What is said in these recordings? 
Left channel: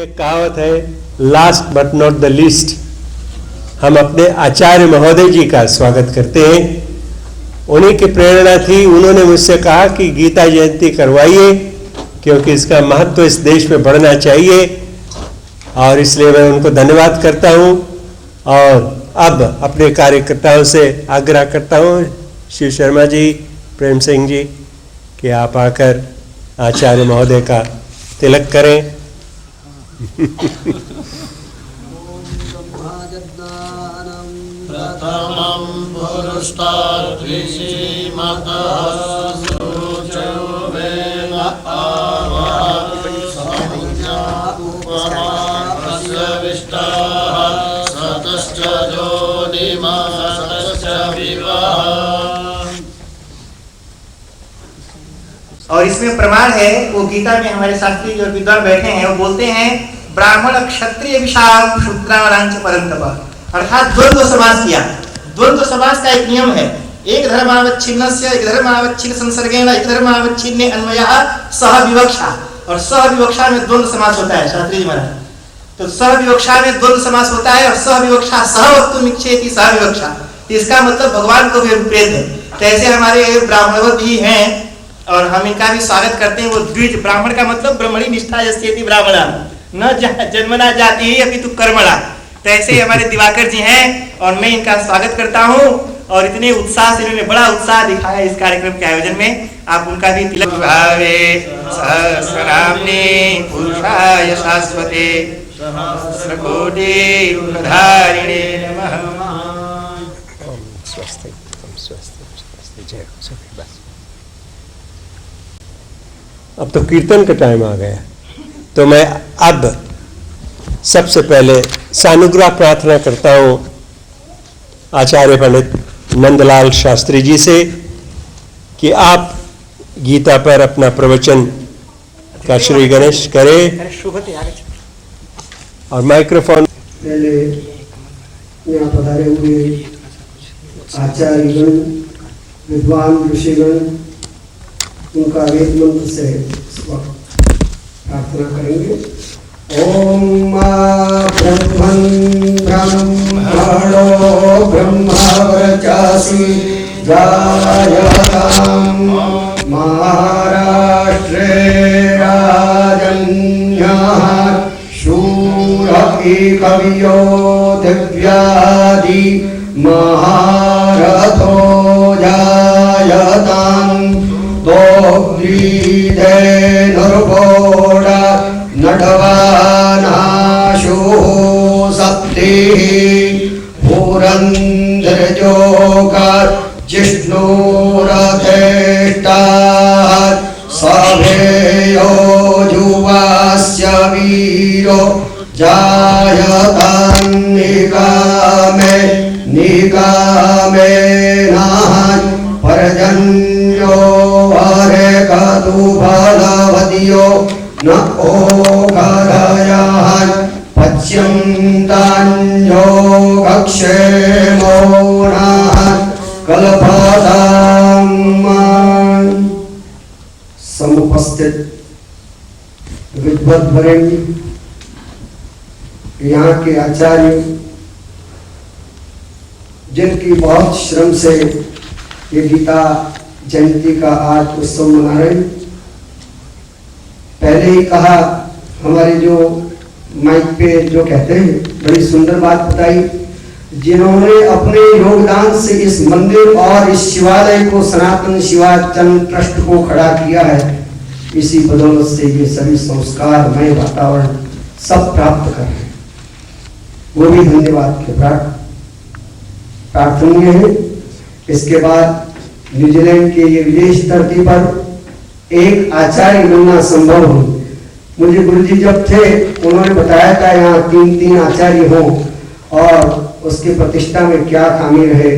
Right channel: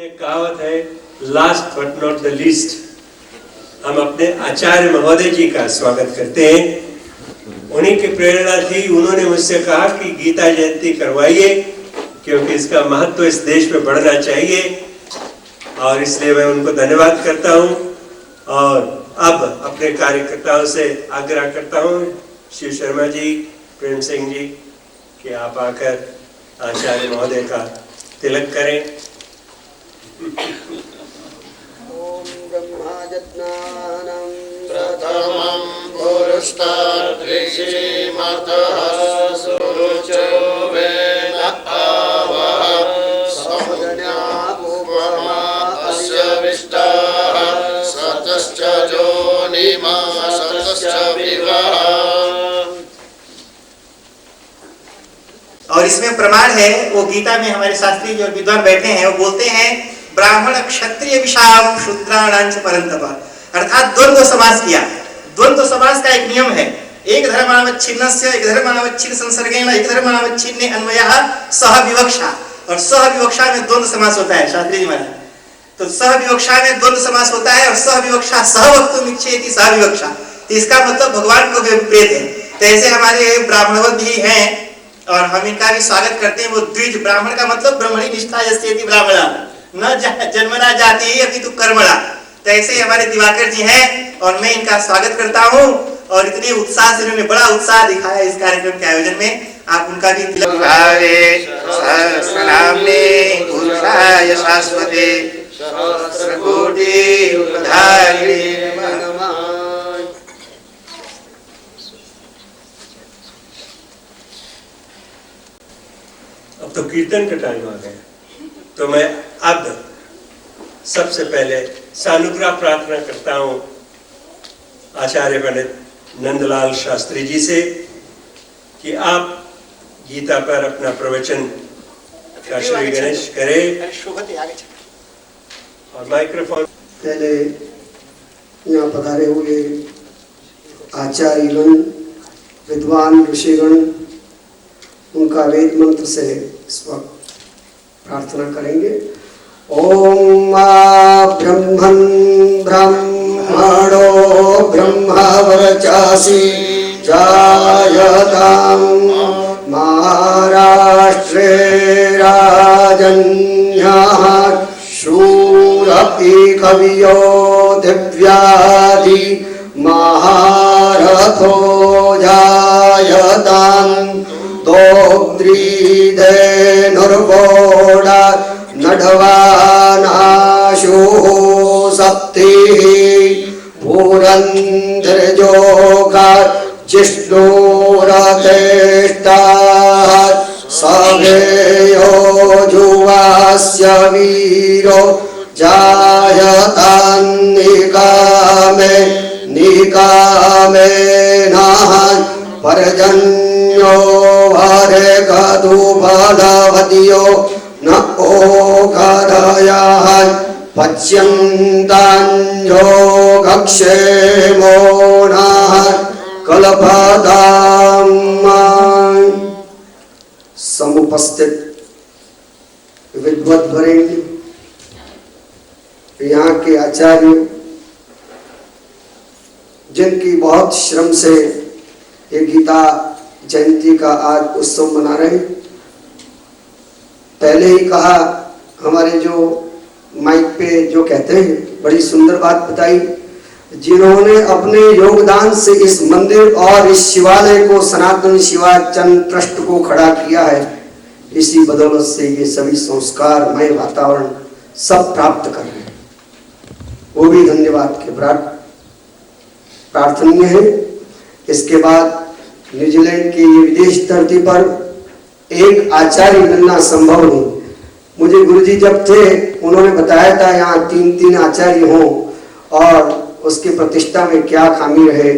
एक कहावत है, last but not the least. हम अपने आचार्य महोदय जी का स्वागत करते हैं। उन्हीं की प्रेरणा थी, उन्होंने मुझसे कहा कि गीता जयंती करवाइए क्योंकि इसका महत्व इस देश में बढ़ना चाहिए, और इसलिए मैं उनको धन्यवाद करता हूं। और अब अपने कार्यकर्ताओं से आग्रह करता हूं, शिव शर्मा जी, प्रेम सिंह जी, कि आप आकर आचार्य महोदय का तिलक करें। ओम ब्रह्माजज्ञानं प्रथमं पुरुषार्थिमतः सुरुचयो वेन आवहत् समज्ञामुपमास्य विष्टाः सतश्च जोनिमा सतश्च विवः। और इसमें प्रमाण है, वो गीता में हमारे शास्त्री जो विद्वान बैठे हैं वो बोलते हैं ब्राह्मण क्षत्रिय विषाम शूद्राणांच परंतप, अर्थात द्वंद्व समास किया। द्वंद्व समास का एक नियम है, एक धर्मावच्छिन्नस्य एक धर्मावच्छिन्न संसर्गेण एक धर्मावच्छिन्ने अन्वयः सह विवक्षा, और सह विवक्षा में द्वंद्व समास होता है शास्त्री जी महाराज। तो सह विवक्षा में द्वंद्व समास होता है, और सह विवक्षा सह वक्तुम इच्छेति सह विवक्षा, तो इसका मतलब भगवान को भी अभिप्रेत है। तो ऐसे हमारे ब्राह्मणवत भी हैं और हम इनका भी स्वागत करते हैं। वो द्विज ब्राह्मण का मतलब ब्रह्मणी निष्ठा यस्येति ब्राह्मणा न जन्मना जाति ही अभी तू कर्मणा। तो ऐसे हमारे दिवाकर जी हैं और मैं इनका स्वागत करता हूँ। और इतने उत्साह से इन्होंने बड़ा उत्साह दिखाया इस कार्यक्रम के आयोजन में, आप उनका भी तिलक। पुरुषाय शाश्वते सहस्रकोटि उद्धारिणे नमः। अब तो कीर्तन का टाइम आ गया, तो मैं अब सबसे पहले सानुग्रह प्रार्थना करता हूं आचार्य पंडित नंदलाल शास्त्री जी से कि आप गीता पर अपना प्रवचन का श्री गणेश करें। और माइक्रोफोन पहले यहाँ पधारे हुए आचार्यगण, विद्वान ऋषिगण, उनका वेद मंत्र से प्रार्थना करेंगे। ओम ब्रह्मन् ब्रह्मणो ब्रह्मवर्चासि जायतां महाराष्ट्रे राजन्यः शूरपि कवियो दिव्यादि महारथो जायताम् दोग्रीधेनुर्वोड नडवानाशो सप्तिः पुरन्दरजोग जिष्णुरथेष्टाः सभेयो जुवास्य वीरो जायतान्निकामे निकामेनः पर्जन्यो हरे कदु फलवदियो न ओघदयः पच्यन्तान्यो गक्षेमो नः कल्पताम्। समुपस्थित विद्वद्वरेण्य, यहाँ के आचार्य जिनकी बहुत श्रम से ये गीता जयंती का आज उत्सव मना रहे। पहले ही कहा, हमारे जो माइक पे जो कहते हैं, बड़ी सुंदर बात बताई, जिन्होंने अपने योगदान से इस मंदिर और इस शिवालय को सनातन शिवाचन ट्रस्ट को खड़ा किया है, इसी बदौलत से ये सभी संस्कारमय वातावरण सब प्राप्त कर रहे हैं, वो भी धन्यवाद के प्रार्थनीय है। इसके बाद न्यूजीलैंड के ये विदेश धरती पर एक आचार्य मिलना संभव हो। मुझे गुरुजी जब थे उन्होंने बताया था यहाँ 3 आचार्य हों और उसकी प्रतिष्ठा में क्या खामी रहे।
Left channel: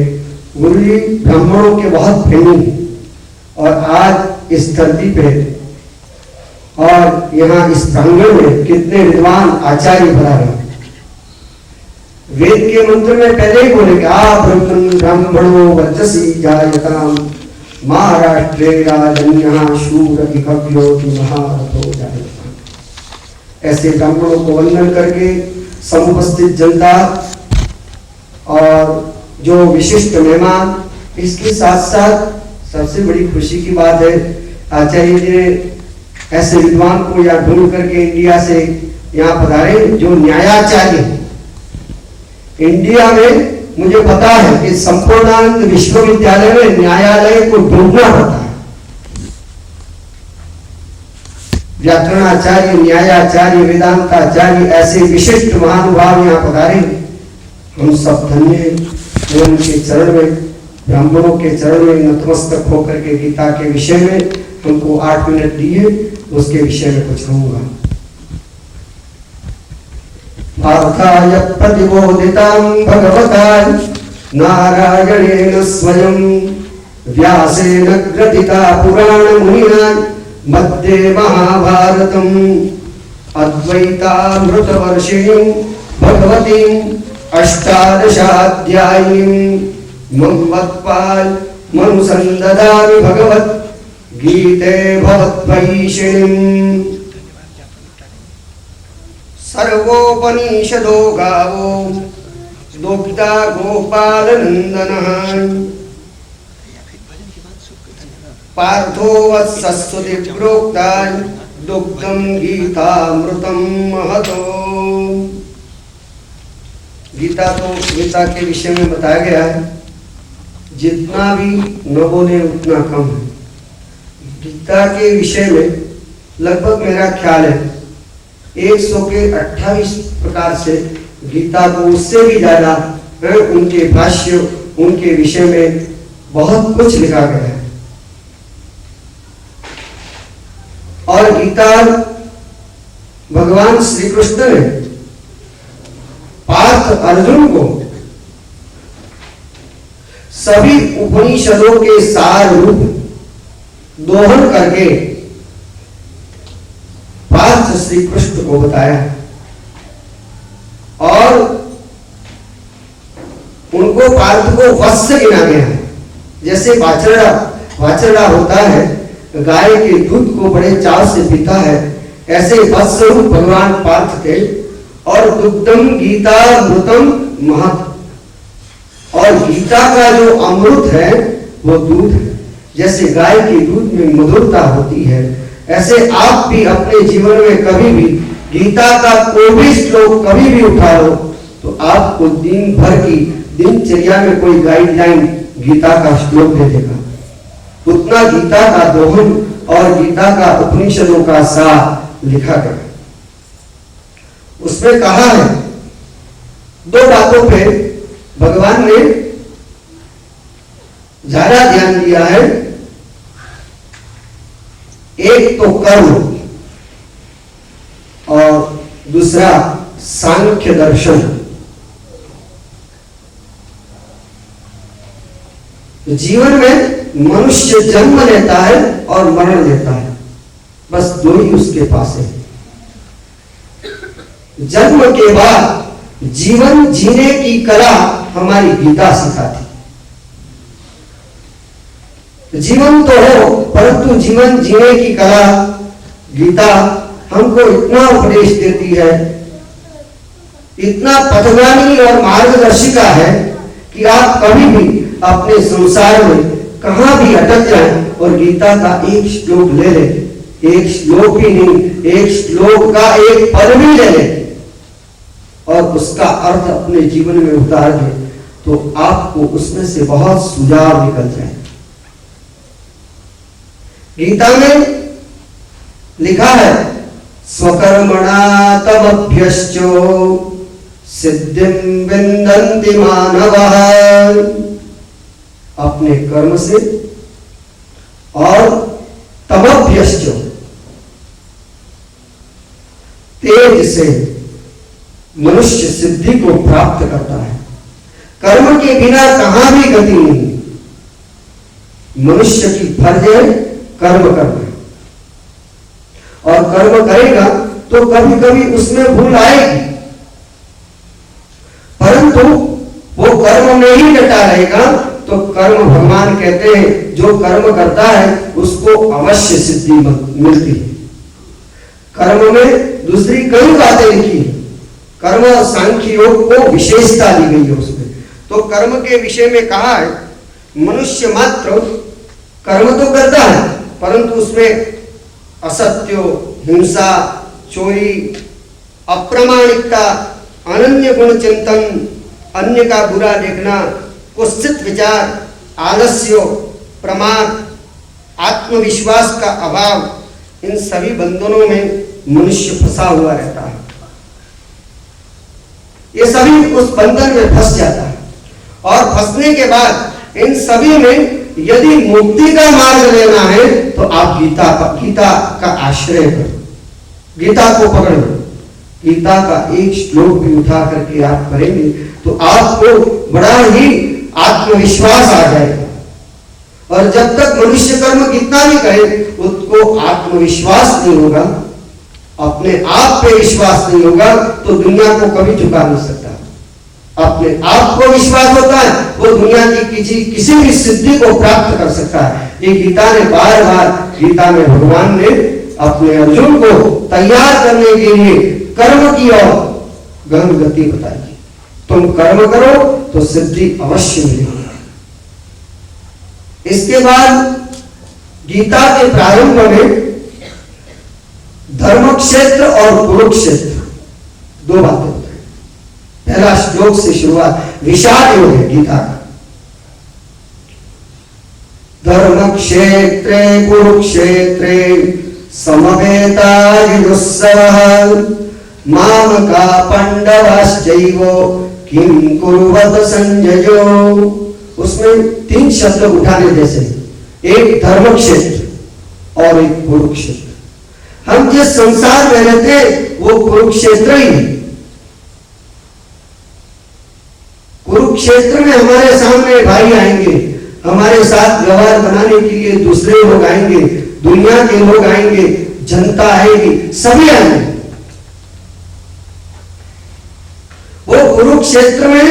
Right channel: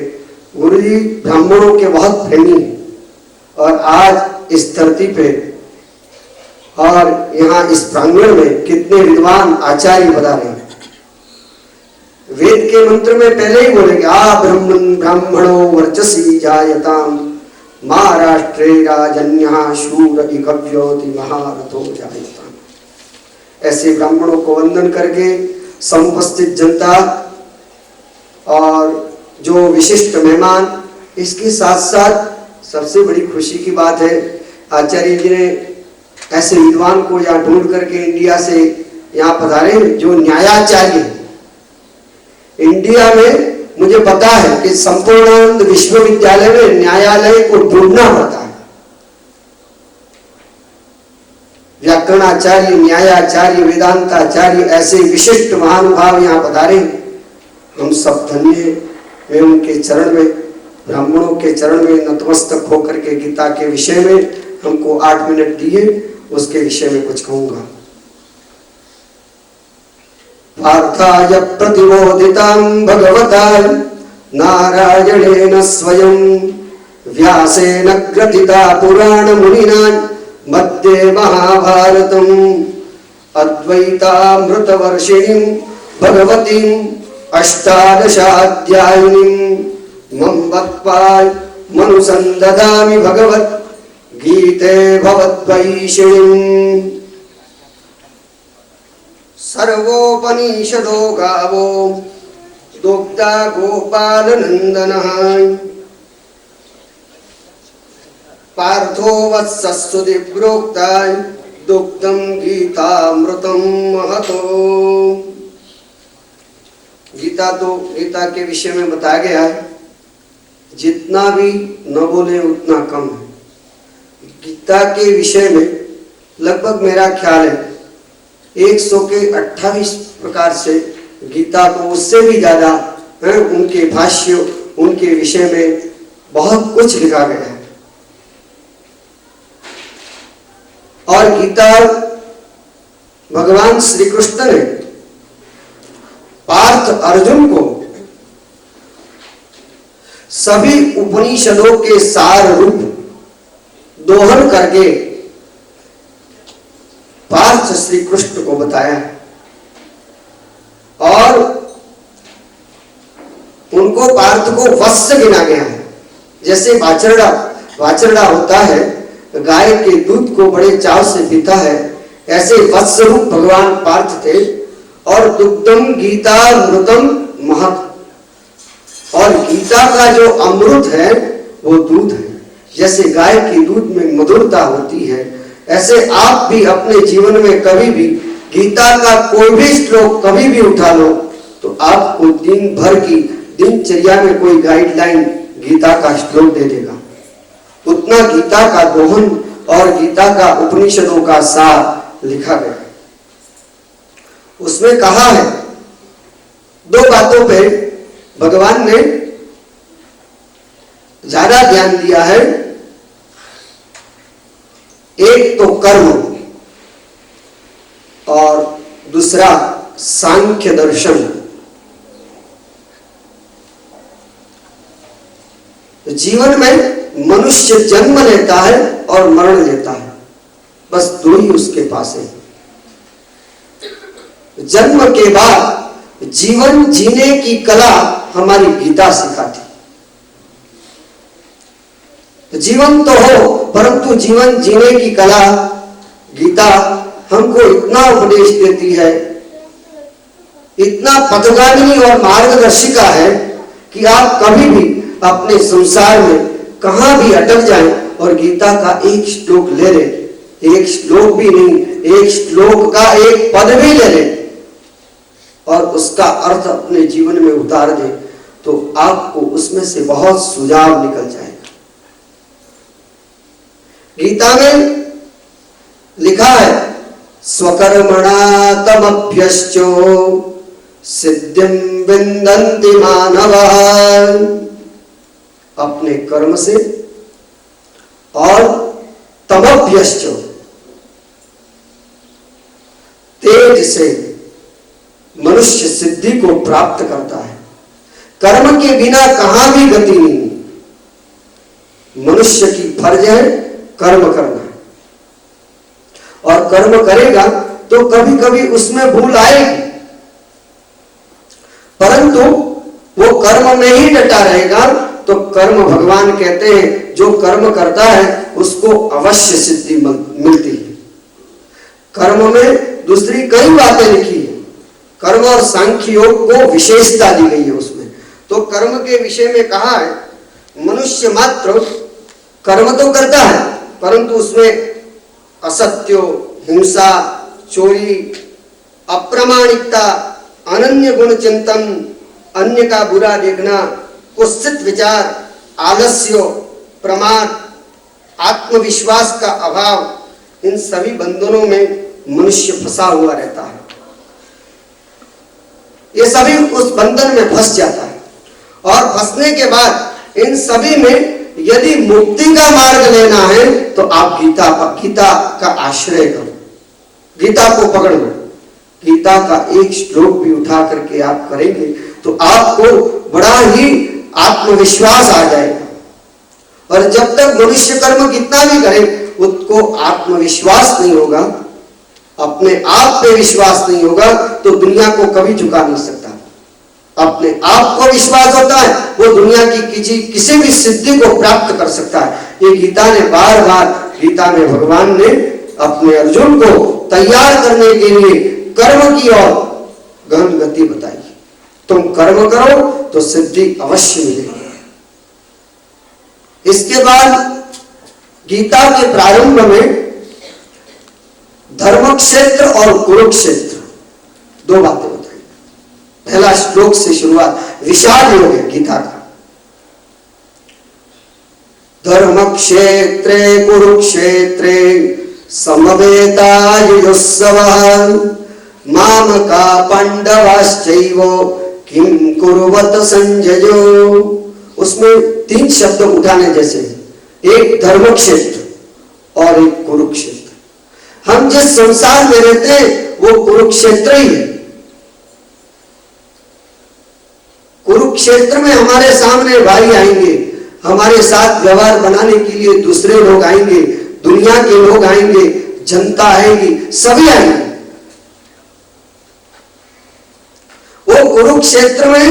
गुरुजी ब्राह्मणों के बहुत प्रेमी और आज इस धरती पे और यहाँ इस प्रांगण में कितने विद्वान आचार्य बता रहे हैं। वेद के मंत्र में पहले ही बोले कि ब्राह्मणो वर्चसी जायताम महाराष्ट्रे राजन्यः शूर इकव्यो महारथो जायताम। ऐसे ब्राह्मणों को वंदन करके समुपस्थित जनता और जो विशिष्ट मेहमान, इसके साथ साथ सबसे बड़ी खुशी की बात है, आचार्य जी ने ऐसे विद्वान को यहाँ ढूंढ करके इंडिया से यहाँ पधारे जो न्यायाचार्य। इंडिया में मुझे पता है कि संपूर्णानंद विश्वविद्यालय में न्यायालय को ढूंढना पड़ता है। व्याकरणाचार्य, न्यायाचार्य, वेदांताचार्य, ऐसे विशिष्ट महानुभाव यहाँ पधारे। हम सब धन्य हैं उनके चरण में, ब्राह्मणों के चरण में नतमस्तक होकर के गीता के विषय में हमको 8 मिनट दिए, उसके विषय में कुछ कहूंगा। पार्थाय प्रतिबोधितां भगवता नारायणेन स्वयं व्यासेन ग्रथिता पुराण मुनिना मध्ये महाभारतम् अद्वैतामृतवर्षिणीं भगवतीं अष्टादशाध्यायिनीं मम्मत्पाल मनुसंददामि भगवत् गीते भवद्वैषिणीम्। सर्वोपनिषदो गावो दोग्धा गोपालनन्दनः पार्थो वत्सस्सुति प्रोक्ता दुग्धं गीतामृतं महतो। गीता के विषय में बताया गया है, जितना भी न बोले उतना कम है। गीता के विषय में लगभग मेरा ख्याल है 128 प्रकार से गीता को, उससे भी ज्यादा है, उनके भाष्य, उनके विषय में बहुत कुछ लिखा गया है। और गीता भगवान श्री कृष्ण ने पार्थ अर्जुन को सभी उपनिषदों के सार रूप दोहन करके पार्थ श्री कृष्ण को बताया और उनको पार्थ को वत्स गिना गया है। जैसे वाचरड़ा होता है, गाय के दूध को बड़े चाव से पीता है, ऐसे वत्स रूप भगवान पार्थ थे। और दुग्धम गीता अमृतम महत्, और गीता का जो अमृत है वो दूध है। जैसे गाय के दूध में मधुरता होती है, ऐसे आप भी अपने जीवन में कभी भी गीता का कोई भी श्लोक कभी भी उठा लो तो आपको दिन भर की दिनचर्या में कोई गाइडलाइन गीता का श्लोक दे देगा। उतना गीता का दोहन और गीता का उपनिषदों का सार लिखा गया। उसमें कहा है, 2 बातों पे भगवान ने ज्यादा ध्यान दिया है। एक तो कर्म और दूसरा सांख्य दर्शन। जीवन में मनुष्य जन्म लेता है और मरण लेता है, बस 2 ही उसके पास है। जन्म के बाद जीवन जीने की कला हमारी गीता सिखाती। जीवन तो हो, परंतु जीवन जीने की कला गीता हमको इतना उपदेश देती है, इतना पथगामी और मार्गदर्शिका है कि आप कभी भी अपने संसार में कहां भी अटक जाएं और गीता का एक श्लोक ले लें, एक श्लोक भी नहीं, एक श्लोक का एक पद भी ले लें और उसका अर्थ अपने जीवन में उतार दें तो आपको उसमें से बहुत सुझाव निकल जाएगा। गीता में लिखा है, स्वकर्मणा तमभ्यश्चो सिद्धिं विन्दन्ति मानवः। अपने कर्म से और तमभ्यश्च तेज से मनुष्य सिद्धि को प्राप्त करता है। कर्म के बिना कहां भी गति नहीं। मनुष्य की फर्ज है कर्म करना, और कर्म करेगा तो कभी कभी उसमें भूल आएगी, परंतु वो कर्म में ही डटा रहेगा तो कर्म, भगवान कहते हैं जो कर्म करता है उसको अवश्य सिद्धि मिलती है। कर्म में दूसरी कई बातें लिखी है। कर्म और सांख्य योग को विशेषता दी गई है उसमें। तो कर्म के विषय में कहा है मनुष्य मात्र कर्म तो करता है, परंतु उसमें असत्य, हिंसा, चोरी, अप्रामाणिकता, अनन्य गुण चिंतन, अन्य का बुरा देखना, कुत्सित विचार, आलस्य, प्रमाद, आत्मविश्वास का अभाव, इन सभी बंधनों में मनुष्य फंसा हुआ रहता है। ये सभी उस बंधन में फंस जाता है और फंसने के बाद इन सभी में यदि मुक्ति का मार्ग लेना है तो आप गीता का आश्रय करो, गीता को पकड़ो। गीता का एक श्लोक भी उठा करके आप करेंगे तो आपको बड़ा ही आत्मविश्वास आ जाएगा। और जब तक मनुष्य कर्म कितना भी करे उसको आत्मविश्वास नहीं होगा, अपने आप पे विश्वास नहीं होगा, तो दुनिया को कभी झुका नहीं सकता। अपने आप को विश्वास होता है वो दुनिया की किसी भी सिद्धि को प्राप्त कर सकता है। ये गीता ने बार बार, गीता में भगवान ने अपने अर्जुन को तैयार करने के लिए कर्म की और गहन गति बताई। तुम कर्म करो तो सिद्धि अवश्य मिलेगी। इसके बाद गीता के प्रारंभ में धर्म क्षेत्र और कुरुक्षेत्र दो बातें बताई। पहला श्लोक से शुरुआत विषाद योग है गीता का। धर्म क्षेत्रे कुरुक्षेत्रे समवेतायुत्सवः मामका पांडवाश्चैव किं कुर्वत संजयो। उसमें तीन शब्द उठाने जैसे, एक धर्म क्षेत्र और एक कुरुक्षेत्र। हम जिस संसार में रहते हैं वो कुरुक्षेत्र ही है। कुरुक्षेत्र में हमारे सामने भाई आएंगे, हमारे साथ व्यवहार बनाने के लिए दूसरे लोग आएंगे, दुनिया के लोग आएंगे, जनता आएगी, सभी आएंगे। वो कुरुक्षेत्र में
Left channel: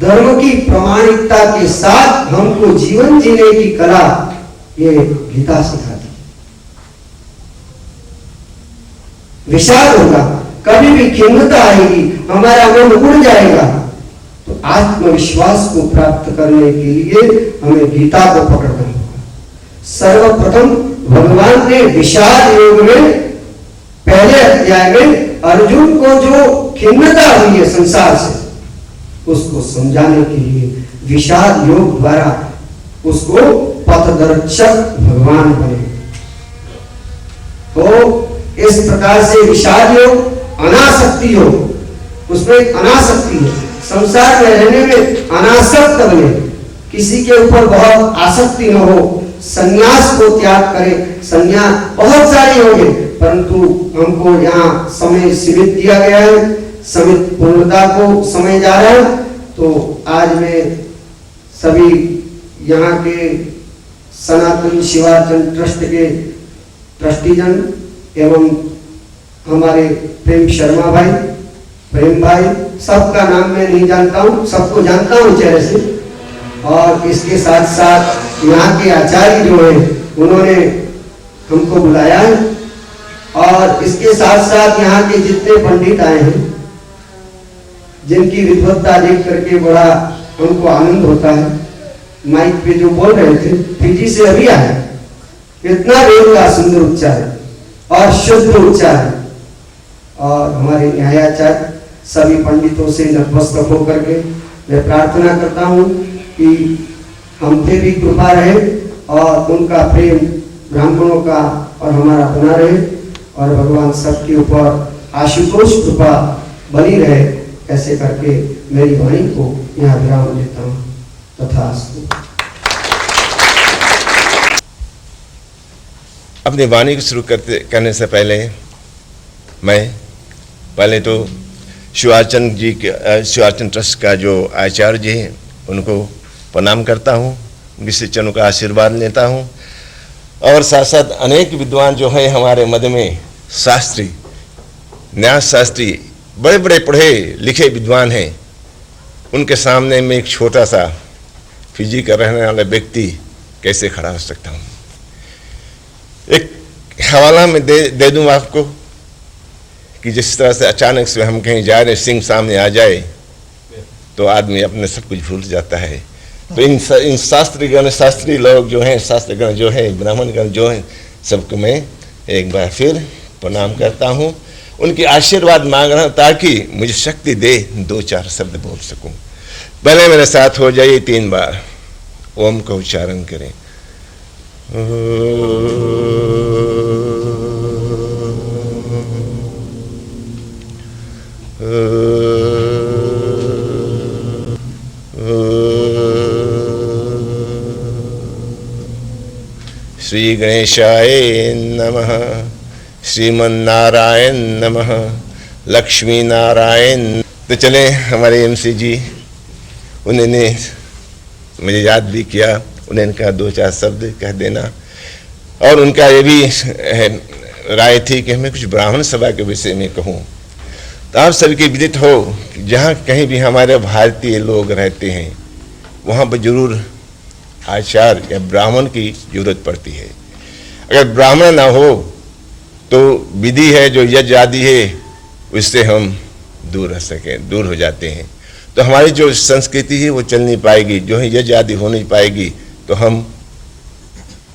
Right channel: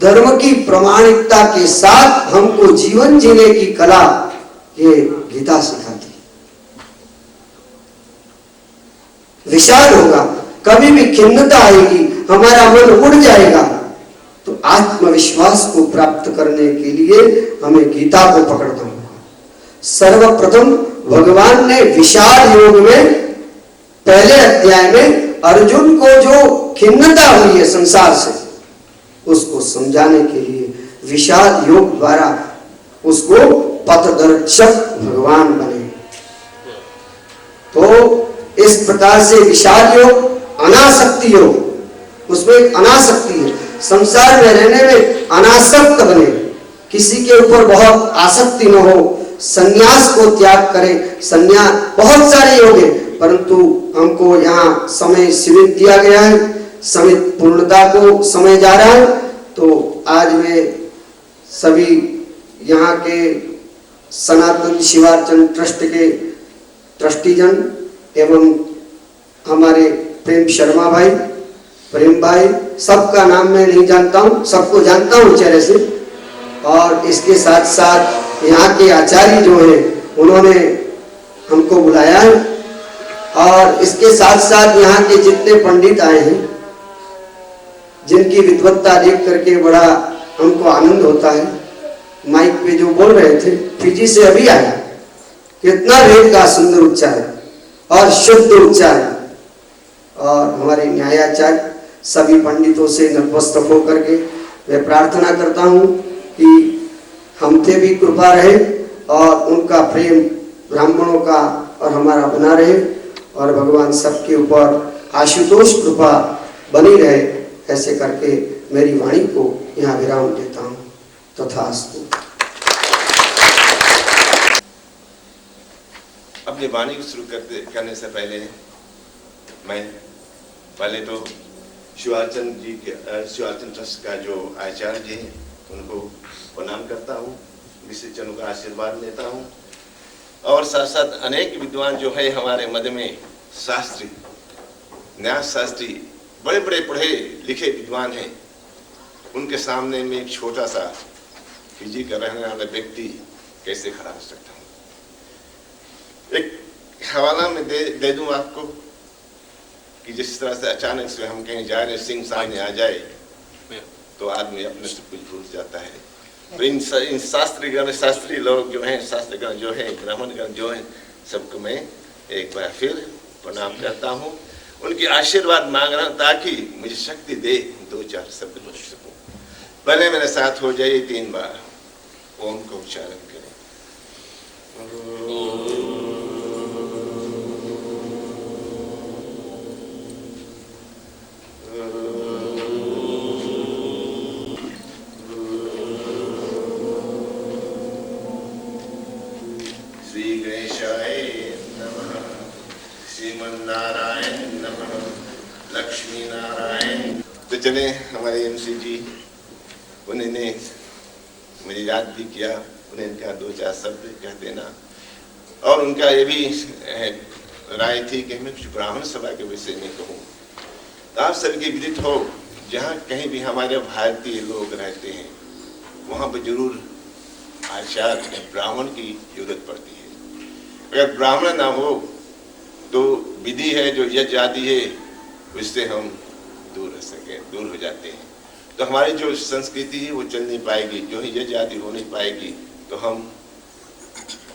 धर्म की प्रामाणिकता के साथ हमको जीवन जीने की कला ये गीता सिखाती। विषाद होगा, कभी भी खिन्नता आएगी, हमारा मन उड़ जाएगा, तो आत्मविश्वास को प्राप्त करने के लिए हमें गीता को पकड़ना होगा। सर्वप्रथम भगवान ने विषाद योग में पहले अध्याय में अर्जुन को जो खिन्नता हुई है संसार से, उसको समझाने के लिए विषाद योग द्वारा उसको पथदर्शक भगवान बने। तो इस प्रकार से विषाद योग, अनासक्ति योग, उसमें एक अनासक्ति है, संसार में रहने में अनासक्त बने, किसी के ऊपर बहुत आसक्ति न हो, संन्यास को त्याग करें। संन्यास बहुत सारे योग है, परंतु हमको यहाँ समय सीमित दिया गया है, समित पूर्णता को समय जा रहा है। तो आज मैं सभी यहाँ के सनातन शिवार्चन ट्रस्ट के ट्रस्टीजन एवं हमारे प्रेम शर्मा भाई, प्रेम भाई, सबका नाम मैं नहीं जानता हूँ, सबको जानता हूँ चेहरे से। और इसके साथ साथ यहाँ के आचार्य जो हैं उन्होंने हमको बुलाया है। और इसके साथ साथ यहाँ के जितने पंडित आए हैं, जिनकी विद्वत्ता देख करके बड़ा हमको आनंद होता है। माइक पे जो बोल रहे थे फिजी से अभी आया, कितना वेद का सुंदर उच्चारण और शुद्ध उच्चारण। और हमारे न्यायाचार्य सभी पंडितों से नतमस्तक होकर के मैं प्रार्थना करता हूँ कि हम पे भी कृपा रहे और उनका प्रेम ब्राह्मणों का और हमारा बना रहे, और भगवान सबके ऊपर आशुतोष कृपा बनी रहे। ऐसे करके मेरी वाणी को यहाँ विराम देता हूँ। तथास्तु। अपनी वाणी को शुरू करने से पहले तो शिवार्चन ट्रस्ट का जो आचार्य जी हैं उनको प्रणाम करता हूँ, विशिष्टजनों का आशीर्वाद लेता हूँ। और साथ साथ अनेक विद्वान जो हैं हमारे मध्य में, शास्त्री, न्यास शास्त्री, बड़े बड़े पढ़े लिखे विद्वान हैं, उनके सामने में एक छोटा सा फिजी का रहने वाला व्यक्ति कैसे खड़ा हो सकता हूँ। एक हवाला में दे दूँ आपको कि जिस तरह से अचानक से हम कहीं जा रहे, सिंह सामने आ जाए तो आदमी अपने सब कुछ भूल जाता है। तो इन शास्त्रीय लोग जो हैं, शास्त्रगण जो है, ब्राह्मणगण जो हैं, सबको मैं एक बार फिर प्रणाम करता हूँ, उनकी आशीर्वाद मांग रहा हूँ ताकि मुझे शक्ति दे 2-4 शब्द बोल सकूं। पहले मेरे साथ हो जाइए 3 बार ओम का उच्चारण करें। श्री गणेशाय नमः, श्रीमन्नारायण नमः, लक्ष्मी नारायण। तो चले हमारे MC जी, उन्होंने मुझे याद भी किया, उन्होंने कहा 2-4 शब्द कह देना, और उनका ये भी राय थी कि हमें कुछ ब्राह्मण सभा के विषय में कहूँ। तो आप सभी के विदित हो कि जहाँ कहीं भी हमारे भारतीय लोग रहते हैं वहाँ पर जरूर आचार्य या ब्राह्मण की जरूरत पड़ती है। अगर ब्राह्मण ना हो तो विधि है जो यज्ञ आदि है उससे हम दूर रह सकें, दूर हो जाते हैं। तो हमारी जो संस्कृति है वो चल नहीं पाएगी, जो है यज्ञ आदि हो नहीं पाएगी, तो हम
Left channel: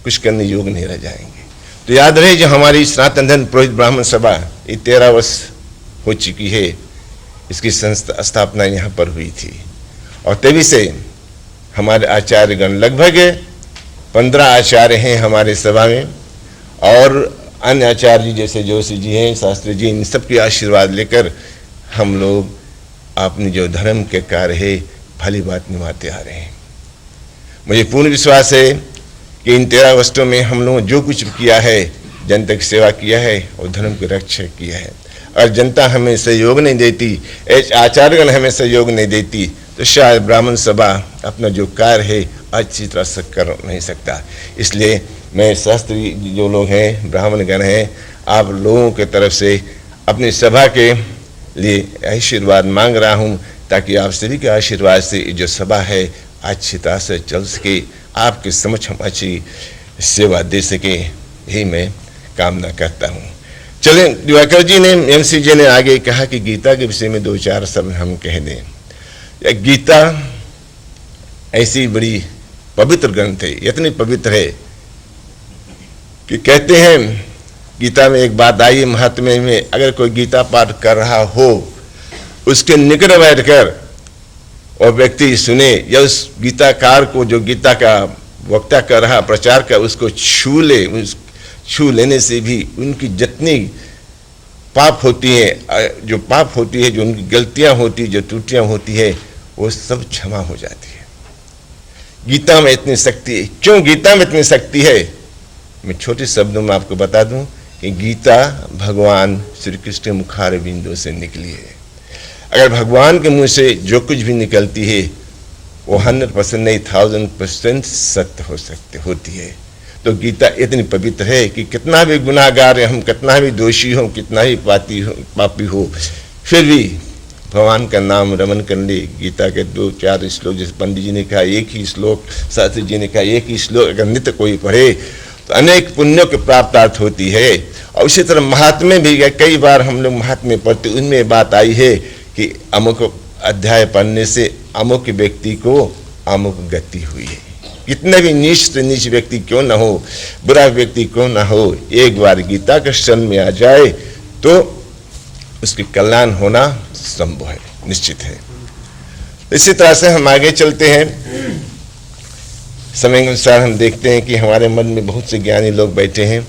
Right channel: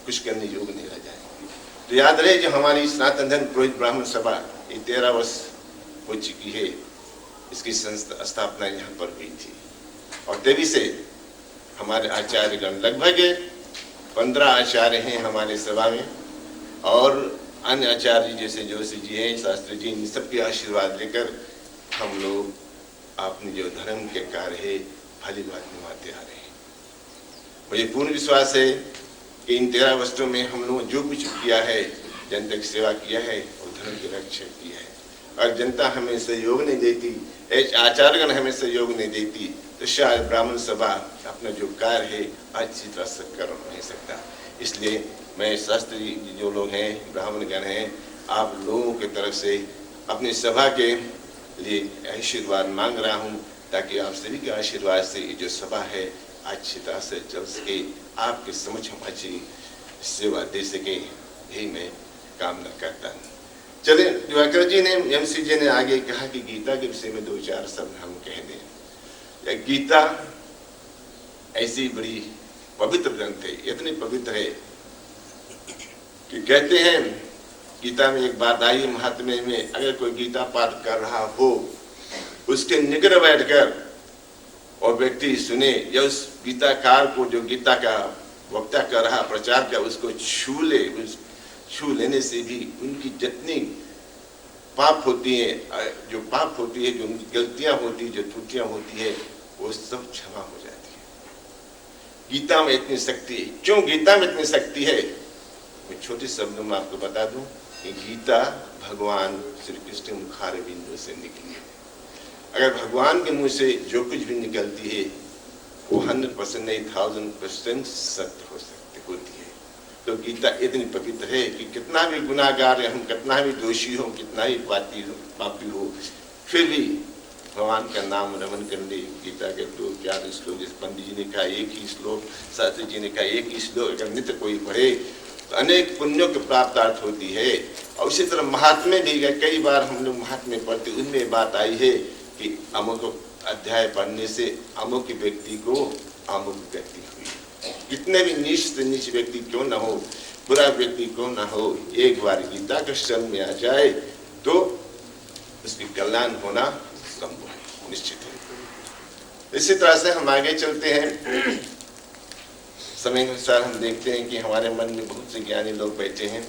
कुछ करने योग्य नहीं रह जाएंगे। तो याद रहे जो हमारी सनातन धर्म पुरोहित ब्राह्मण सभा ये 13 वर्ष हो चुकी है, इसकी स्थापना यहाँ पर हुई थी, और तभी से हमारे आचार्यगण लगभग 15 आचार्य हैं हमारे सभा में, और अन्य आचार्य जैसे जोशी जी हैं, शास्त्री जी, इन सब के आशीर्वाद लेकर हम लोग अपने जो धर्म के कार्य है भली बात निभाते आ रहे हैं। मुझे पूर्ण विश्वास है कि इन 13 वर्षों में हम लोगों जो कुछ किया है, जनता की सेवा किया है और धर्म की रक्षा किया है, और जनता हमें सहयोग नहीं देती, आचार्यगण हमें सहयोग नहीं देती, तो शायद ब्राह्मण सभा अपना जो कार्य है अच्छी तरह से कर नहीं सकता। इसलिए मैं शास्त्री जो लोग हैं, ब्राह्मणगण हैं, आप लोगों के तरफ से अपनी सभा के लिए आशीर्वाद मांग रहा हूं, ताकि आप सभी के आशीर्वाद से ये जो सभा है अच्छी तरह से चल सके, आपके समक्ष हम अच्छी सेवा दे सके, यही मैं कामना करता हूं। चलें, दिवाकर जी ने, MC जी ने आगे कहा कि गीता के विषय में 2-4 शब्द हम कह दें। गीता ऐसी बड़ी पवित्र ग्रंथ है, इतनी पवित्र है कि कहते हैं गीता में एक बात आई महात्म्य में, अगर कोई गीता पाठ कर रहा हो उसके निकट बैठकर और व्यक्ति सुने, या उस गीताकार को जो गीता का वक्ता कर रहा, प्रचार कर, उसको छू ले, छू लेने से भी उनकी जितनी पाप होती है, जो पाप होती है, जो उनकी गलतियां होती, जो त्रुटियां होती है, वो सब क्षमा हो जाती है। गीता में इतनी शक्ति है। क्यों गीता में इतनी शक्ति है? मैं छोटे शब्दों में आपको बता दूं कि गीता भगवान श्री कृष्ण के मुखार बिंदु से निकली है। अगर भगवान के मुंह से जो कुछ भी निकलती है वो 100% नहीं, 1000% सत्य होती है। तो गीता इतनी पवित्र है कि कितना भी गुनाहगार हम, कितना भी दोषी हो, कितना ही पापी हो, फिर भी भगवान का नाम रमन कर ले। गीता के 2-4 श्लोक, जैसे पंडित जी ने कहा एक ही श्लोक, शास्त्री जी ने कहा एक ही श्लोक, अगर नित्य कोई पढ़े तो अनेक पुण्यों की प्राप्त होती है। और उसी तरह महात्म्य भी, कई बार हम लोग महात्म्य पढ़ते, उनमें बात आई है कि अमुक अध्याय पढ़ने से अमुक व्यक्ति को अमुक गति हुई है। कितने भी नीच से नीच व्यक्ति क्यों ना हो, बुरा व्यक्ति क्यों ना हो, एक बार गीता के शरण में आ जाए तो उसके कल्याण होना संभव है, निश्चित है। इसी तरह से हम आगे चलते हैं। समय के अनुसार हम देखते हैं कि हमारे मन में बहुत से ज्ञानी लोग बैठे हैं,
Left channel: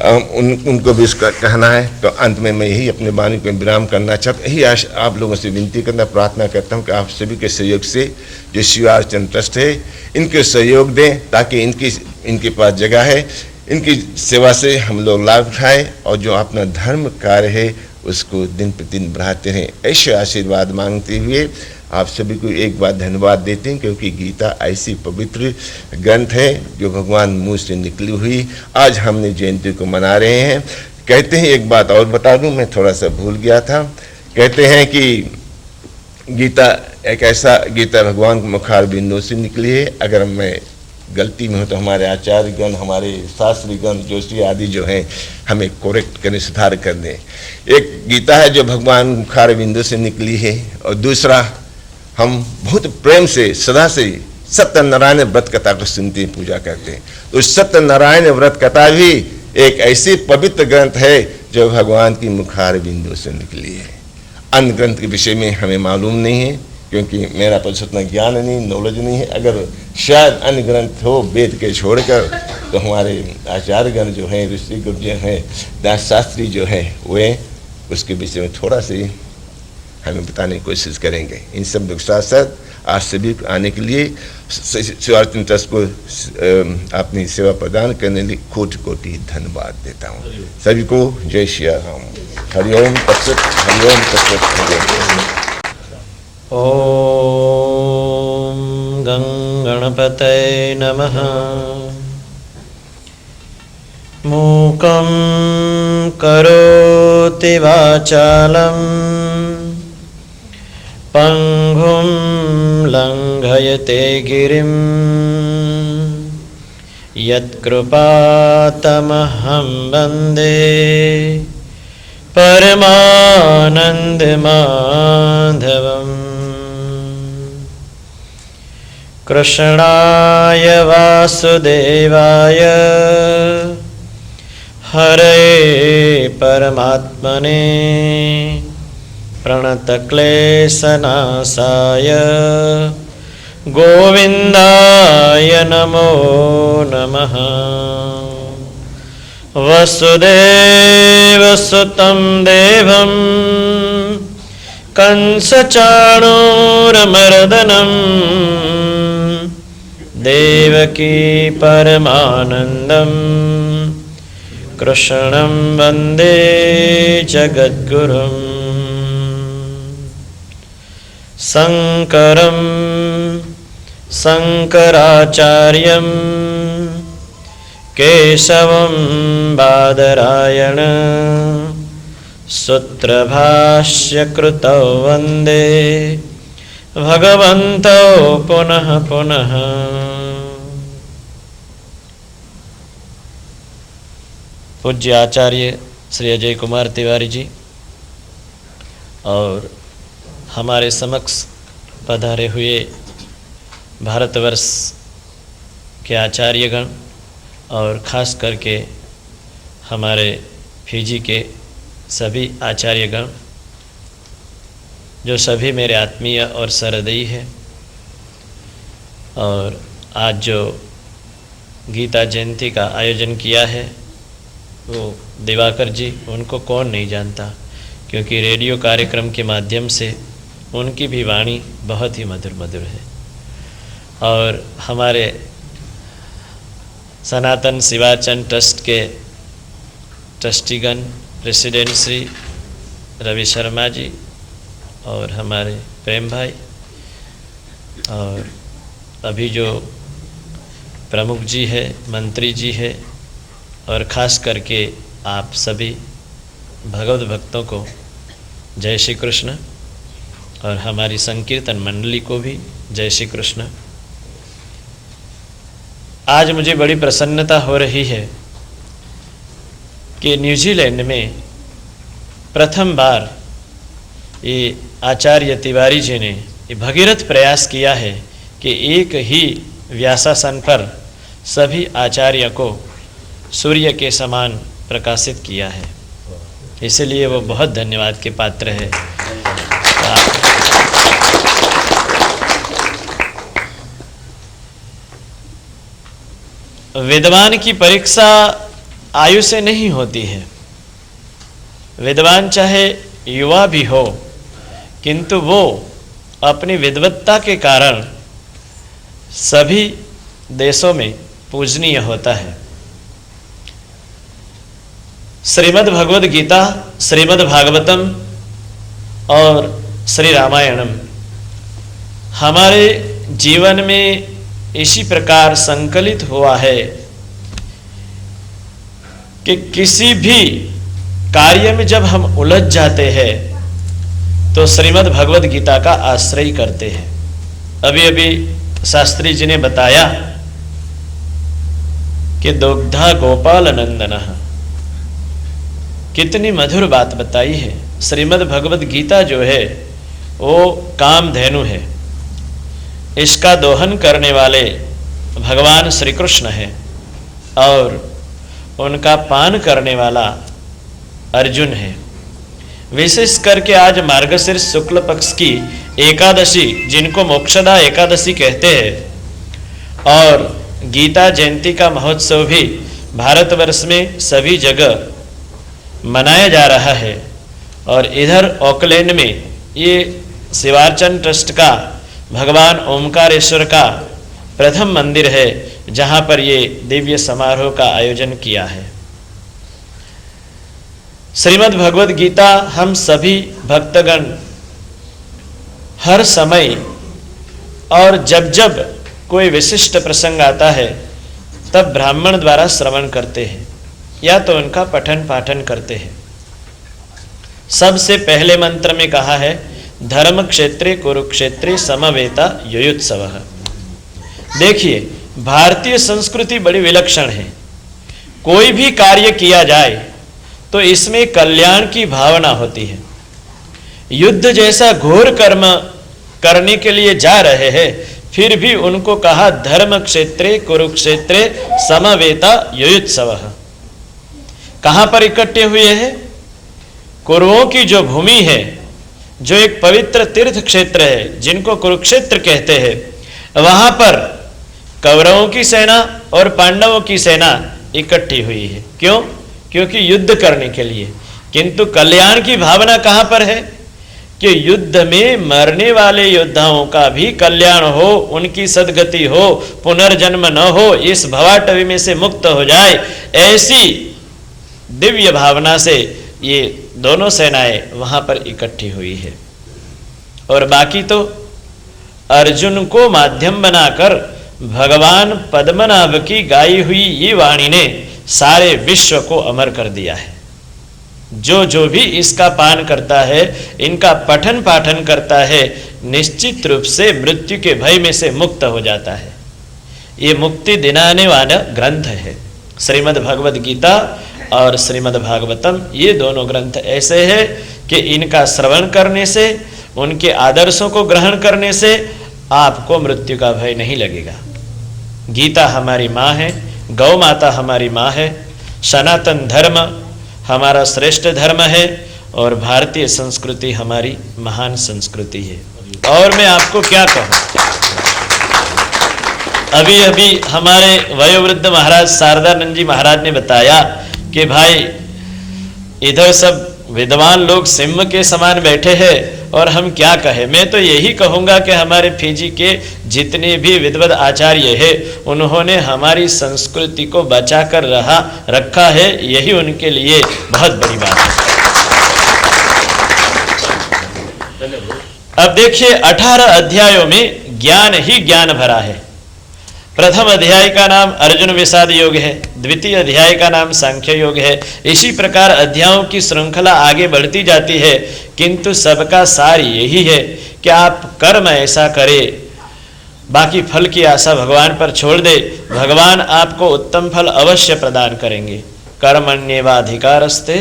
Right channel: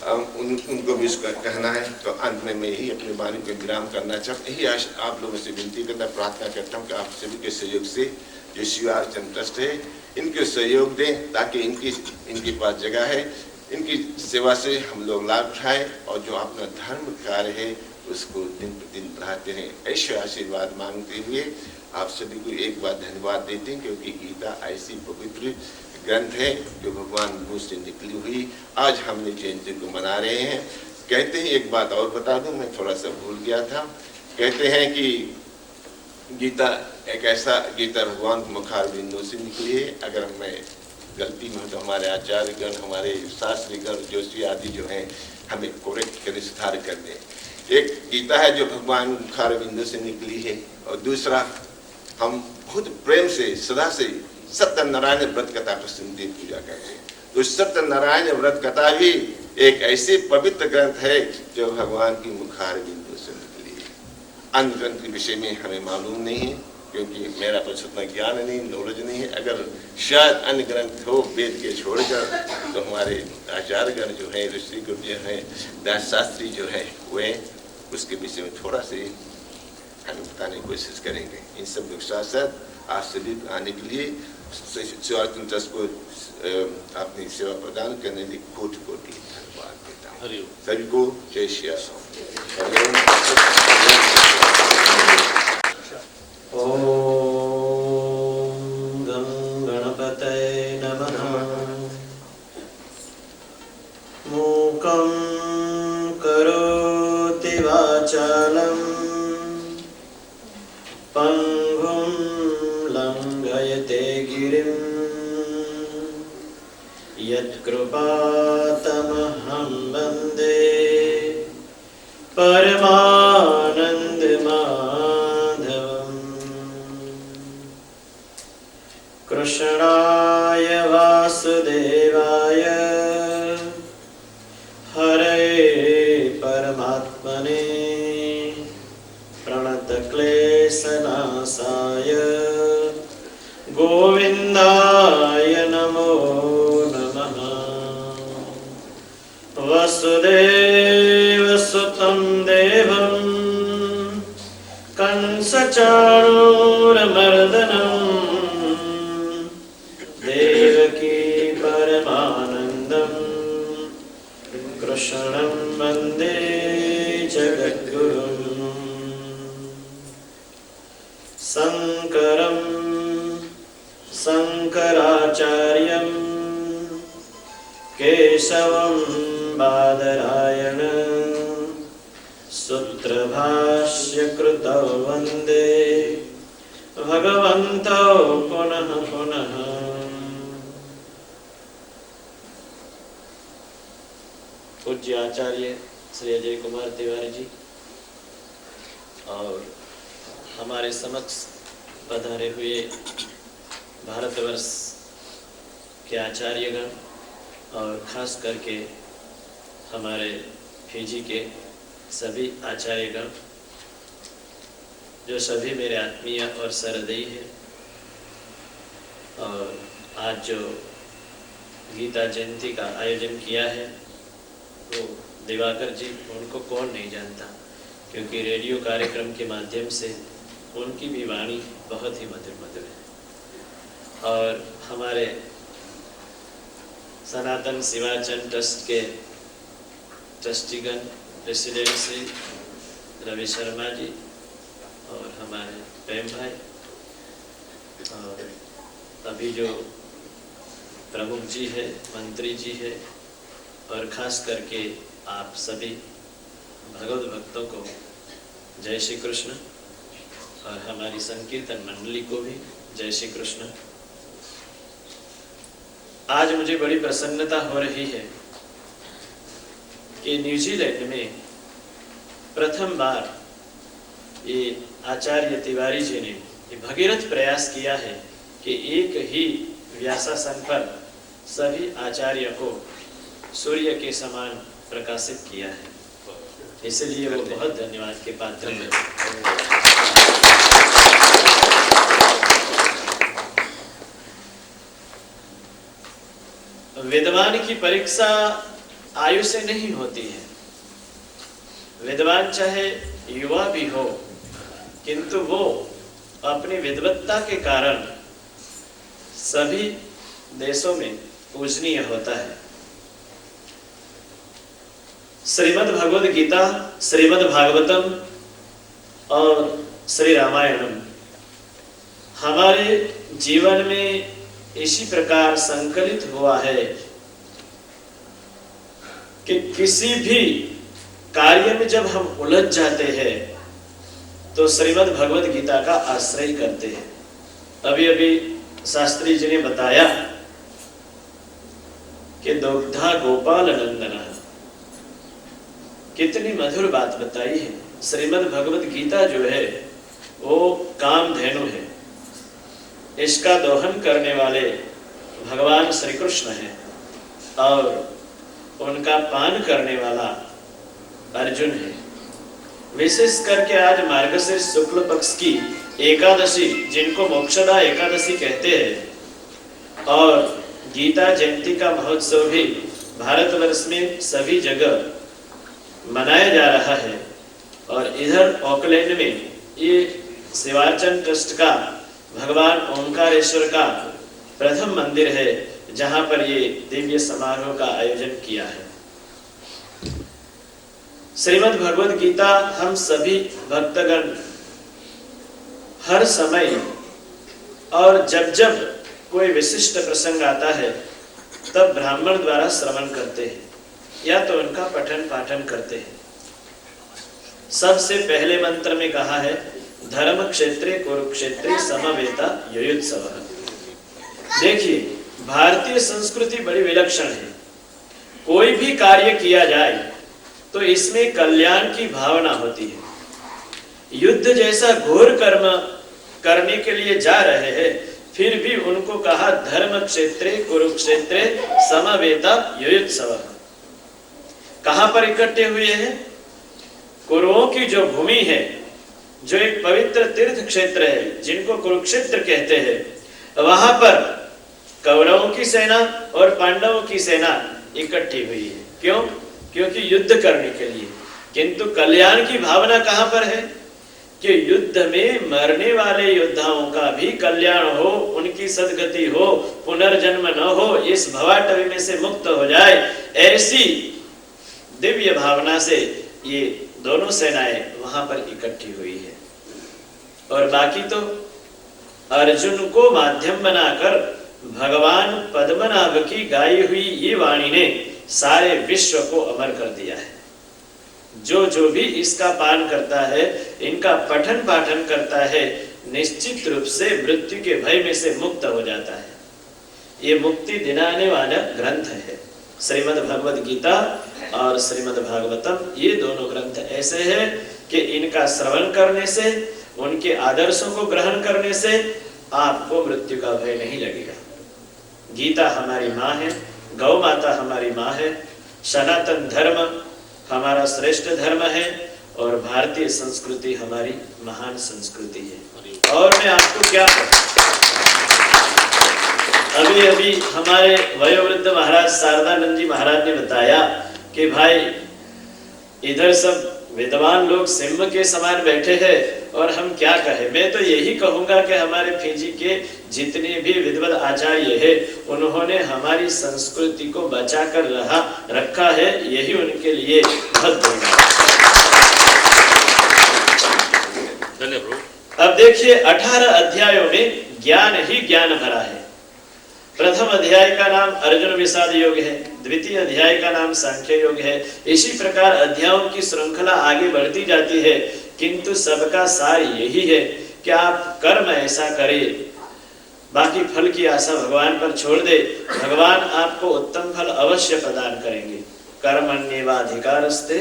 उनको भी इसका कहना है। तो अंत में मैं यही अपने वाणी को विराम करना चाहता, यही आप लोगों से विनती करना, प्रार्थना करता हूँ कि आप सभी के सहयोग से जो शिवार्चन ट्रस्ट है इनके सहयोग दें, ताकि इनके पास जगह है, इनकी सेवा से हम लोग लाभ उठाएं और जो अपना धर्म कार्य है उसको दिन प्रतिदिन बढ़ाते रहें। ऐसे आशीर्वाद मांगते हुए आप सभी को एक बार धन्यवाद देते हैं, क्योंकि गीता ऐसी पवित्र ग्रंथ है जो भगवान मुँह से निकली हुई आज हमने जयंती को मना रहे हैं। कहते हैं, एक बात और बता दूं, मैं थोड़ा सा भूल गया था। कहते हैं कि गीता एक ऐसा, गीता भगवान के मुखार बिंदु से निकली है। अगर मैं गलती में हो तो हमारे आचार्यगण, हमारे शास्त्रीगण, जोशी आदि जो हैं हमें कोरेक्ट करें, सुधार कर दें। एक गीता है जो भगवान मुखार बिंदु से निकली है, और दूसरा हम बहुत प्रेम से सदा से सत्यनारायण व्रत कथा को सुनते हैं, पूजा करते हैं। तो सत्यनारायण व्रत कथा भी एक ऐसी पवित्र ग्रंथ है जो भगवान की मुखार बिंदु से निकली है। अन्य ग्रंथ के विषय में हमें मालूम नहीं है, क्योंकि मेरा पास उतना ज्ञान नहीं, नॉलेज नहीं है। अगर शायद अन्य ग्रंथ हो वेद के छोड़कर, तो हमारे आचार्यगण जो हैं, ऋषि गुरु जो हैं, दास शास्त्री जो हैं, वे उसके विषय में थोड़ा सी हमें बताने की कोशिश करेंगे। इन सब लोग साथ साथ आज सभी आने के लिए शिवार्चन ट्रस्ट को अपनी सेवा प्रदान करने के लिए कोटि कोटि धन्यवाद देता हूँ। सभी को जय श्री राम। हरिओम तत्सत, हरिओम तत्सत, हरिओम। ओम गं गणपतये नमः। मूकं करोति वाचालं पंगुं लंघयते गिरिं यत्कृपातमहं वन्दे परमानन्दमाधवम्। कृष्णाय वासुदेवाय हरे परमात्मने प्रणतक्लेशनाशाय गोविन्दाय नमो नमः। वसुदेवसुतं देवं कंसचाणूरमर्दनं देवकी परमानन्दं कृष्णं वन्दे जगद्गुरुम्। शङ्करं शङ्कराचार्यं केशवं बादरायण सूत्रभाष्यकृतौ वन्दे भगवन्तौ पुनः पुनः। पूज्य आचार्य श्री अजय कुमार तिवारी जी और हमारे समक्ष पधारे हुए भारतवर्ष के आचार्यगण और ख़ास करके हमारे फिजी के सभी आचार्यगण, जो सभी मेरे आत्मीय और सहृदयी हैं, और आज जो गीता जयंती का आयोजन किया है वो दिवाकर जी, उनको कौन नहीं जानता, क्योंकि रेडियो कार्यक्रम के माध्यम से उनकी भी वाणी बहुत ही मधुर मधुर है। और हमारे सनातन शिवार्चन ट्रस्ट के ट्रस्टीगण प्रेसिडेंट श्री रवि शर्मा जी और हमारे प्रेम भाई, और अभी जो प्रमुख जी है, मंत्री जी है, और ख़ास करके आप सभी भगवत भक्तों को जय श्री कृष्ण, और हमारी संकीर्तन मंडली को भी जय श्री कृष्ण। आज मुझे बड़ी प्रसन्नता हो रही है कि न्यूजीलैंड में प्रथम बार ये आचार्य तिवारी जी ने ये भगीरथ प्रयास किया है कि एक ही व्यासासन पर सभी आचार्य को सूर्य के समान प्रकाशित किया है, इसलिए वो बहुत धन्यवाद के पात्र है। विद्वान की परीक्षा आयु से नहीं होती है। विद्वान चाहे युवा भी हो, किंतु वो अपनी विद्वत्ता के कारण सभी देशों में पूजनीय होता है। श्रीमद् भगवद गीता, श्रीमद् भागवतम और श्री रामायणम हमारे जीवन में इसी प्रकार संकलित हुआ है कि किसी भी कार्य में जब हम उलझ जाते हैं तो श्रीमद् भगवद गीता का आश्रय करते हैं। अभी अभी शास्त्री जी ने बताया कि दुग्धा गोपाल नंदन, कितनी मधुर बात बताई है। श्रीमद् भगवद गीता जो है वो कामधेनु है, इसका दोहन करने वाले भगवान श्री कृष्ण है और उनका पान करने वाला अर्जुन है। विशेष करके आज मार्गशीर्ष शुक्ल पक्ष की एकादशी, जिनको मोक्षदा एकादशी कहते हैं, और गीता जयंती का महोत्सव भी भारतवर्ष में सभी जगह मनाया जा रहा है। और इधर ऑकलैंड में ये शिवार्चन ट्रस्ट का भगवान ओमकारेश्वर का प्रथम मंदिर है, जहां पर ये दिव्य समारोह का आयोजन किया है। श्रीमद् भगवद गीता हम सभी भक्तगण हर समय और जब जब कोई विशिष्ट प्रसंग आता है तब ब्राह्मण द्वारा श्रवण करते हैं या तो उनका पठन पाठन करते हैं। सबसे पहले मंत्र में कहा है धर्म क्षेत्रे कुरुक्षेत्रे समवेता युयुत्सवः। देखिए, भारतीय संस्कृति बड़ी विलक्षण है। कोई भी कार्य किया जाए तो इसमें कल्याण की भावना होती है। युद्ध जैसा घोर कर्म करने के लिए जा रहे हैं, फिर भी उनको कहा धर्म क्षेत्रे कुरुक्षेत्रे समवेता युयुत्सवः। कहां पर इकट्ठे हुए हैं? कुरुओं की जो भूमि है, जो एक पवित्र तीर्थ क्षेत्र है जिनको कुरुक्षेत्र कहते हैं, वहां पर कौरवों की सेना और पांडवों की सेना इकट्ठी हुई है। क्यों? क्योंकि युद्ध करने के लिए। किंतु कल्याण की भावना कहां पर है कि युद्ध में मरने वाले योद्धाओं का भी कल्याण हो, उनकी सद्गति हो, पुनर्जन्म न हो, इस भवाटवी में से मुक्त हो जाए, ऐसी दिव्य भावना से ये दोनों सेनाएं वहां पर इकट्ठी हुई है। और बाकी तो अर्जुन को माध्यम बनाकर भगवान पद्मनाभ की गाई हुई ये वाणी ने सारे विश्व को अमर कर दिया है। जो जो भी इसका पान करता है, इनका पठन पाठन करता है, निश्चित रूप से मृत्यु के भय में से मुक्त हो जाता है। ये मुक्ति दिलाने वाला ग्रंथ है। श्रीमद् भगवद गीता और श्रीमद् भागवतम, ये दोनों ग्रंथ ऐसे हैं कि इनका श्रवण करने से, उनके आदर्शों को ग्रहण करने से आपको मृत्यु का भय नहीं लगेगा। गीता हमारी माँ है, गौ माता हमारी माँ है, सनातन धर्म हमारा श्रेष्ठ धर्म है और भारतीय संस्कृति हमारी महान संस्कृति है। और मैं आपको क्या कहूँ, अभी अभी हमारे वयोवृद्ध महाराज शारदानंद जी महाराज ने बताया कि भाई इधर सब विद्वान लोग सिंह के समान बैठे हैं और हम क्या कहें। मैं तो यही कहूंगा कि हमारे फिजी के जितने भी विद्वद आचार्य हैं, उन्होंने हमारी संस्कृति को बचा कर रखा है, यही उनके लिए बहुत बड़ी बात है। अब देखिए, 18 अध्यायों में ज्ञान ही ज्ञान भरा है। प्रथम अध्याय का नाम अर्जुन विषाद योग है, द्वितीय अध्याय का नाम सांख्य योग है। इसी प्रकार अध्यायों की श्रृंखला आगे बढ़ती जाती है, किंतु सबका सार यही है कि आप कर्म ऐसा करें, बाकी फल की आशा भगवान पर छोड़ दे, भगवान आपको उत्तम फल अवश्य प्रदान करेंगे। कर्मण्येवाधिकारस्ते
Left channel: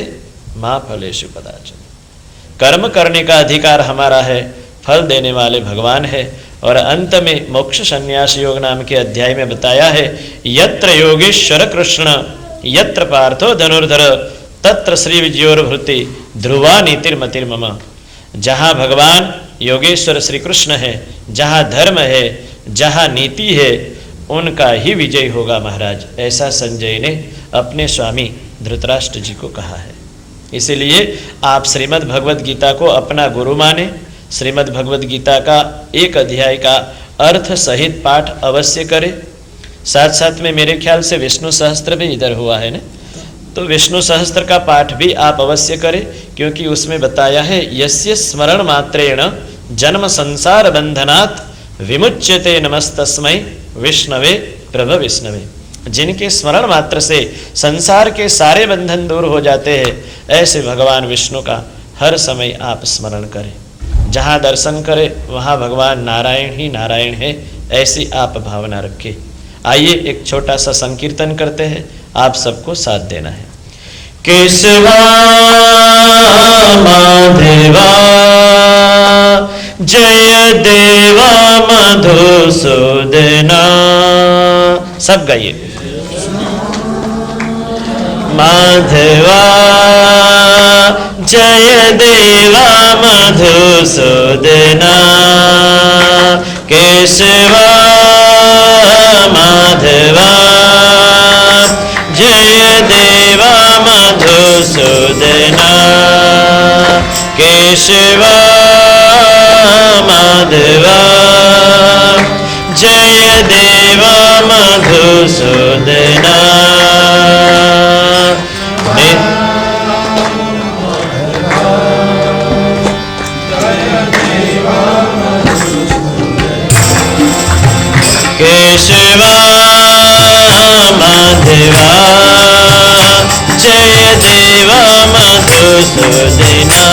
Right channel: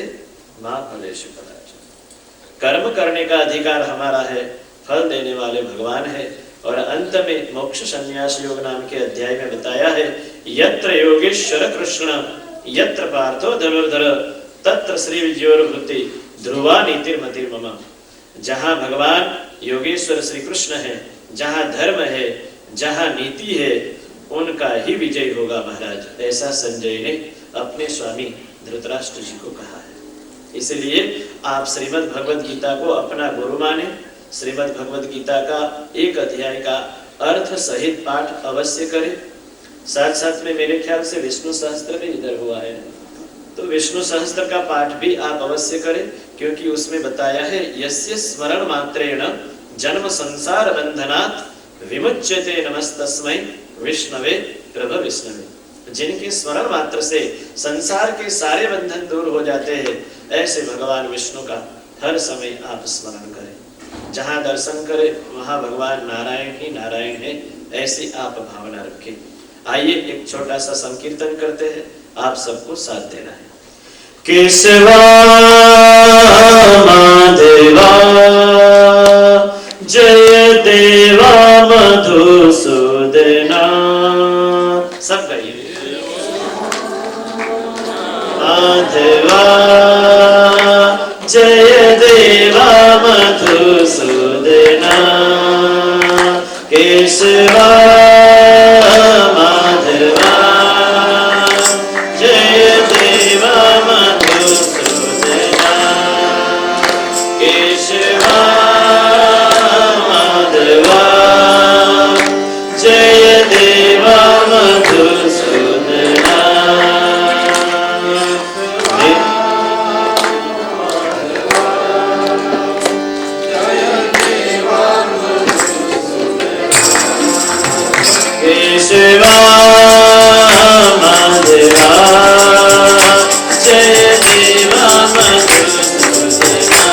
मा फलेषु कदाचन। कर्म करने का अधिकार हमारा है, फल देने वाले भगवान है। और अंत में मोक्ष संन्यास योग नाम के अध्याय में बताया है, यत्र योगेश्वर कृष्ण यत्र पार्थो धनुर्धर तत्र श्री विजयोर्भृति ध्रुवा नीतिर्मतिर्मम। जहाँ भगवान योगेश्वर श्री कृष्ण है, जहाँ धर्म है, जहाँ नीति है, उनका ही विजय होगा महाराज। ऐसा संजय ने अपने स्वामी धृतराष्ट्र जी को कहा है। इसीलिए आप श्रीमद् भगवद गीता को अपना गुरु माने। श्रीमद् भगवद गीता का एक अध्याय का अर्थ सहित पाठ अवश्य करें। साथ साथ में मेरे ख्याल से विष्णु सहस्त्र भी इधर हुआ है ना, तो विष्णु सहस्त्र का पाठ भी आप अवश्य करें, क्योंकि उसमें बताया है यस्य स्मरण मात्रेण जन्म संसार बंधनात् विमुच्यते नमस्तस्मै विष्णवे प्रभ विष्णवे। जिनके स्मरण मात्र से संसार के सारे बंधन दूर हो जाते हैं, ऐसे भगवान विष्णु का हर समय आप स्मरण करें। जहाँ दर्शन करें वहाँ भगवान नारायण ही नारायण है, ऐसी आप भावना रखें। आइए एक छोटा सा संकीर्तन करते हैं, आप सबको साथ देना है। केशवा माधवा जय देवा मधुसूदना। सब गाइए। माधवा जय देवा मधुसूदना। केशवा माधवा जय देवा मधुसूदना। केशवा माधवा जय देवा मधुसूदना। केशवा माधवा जय देवा मधुसूदना।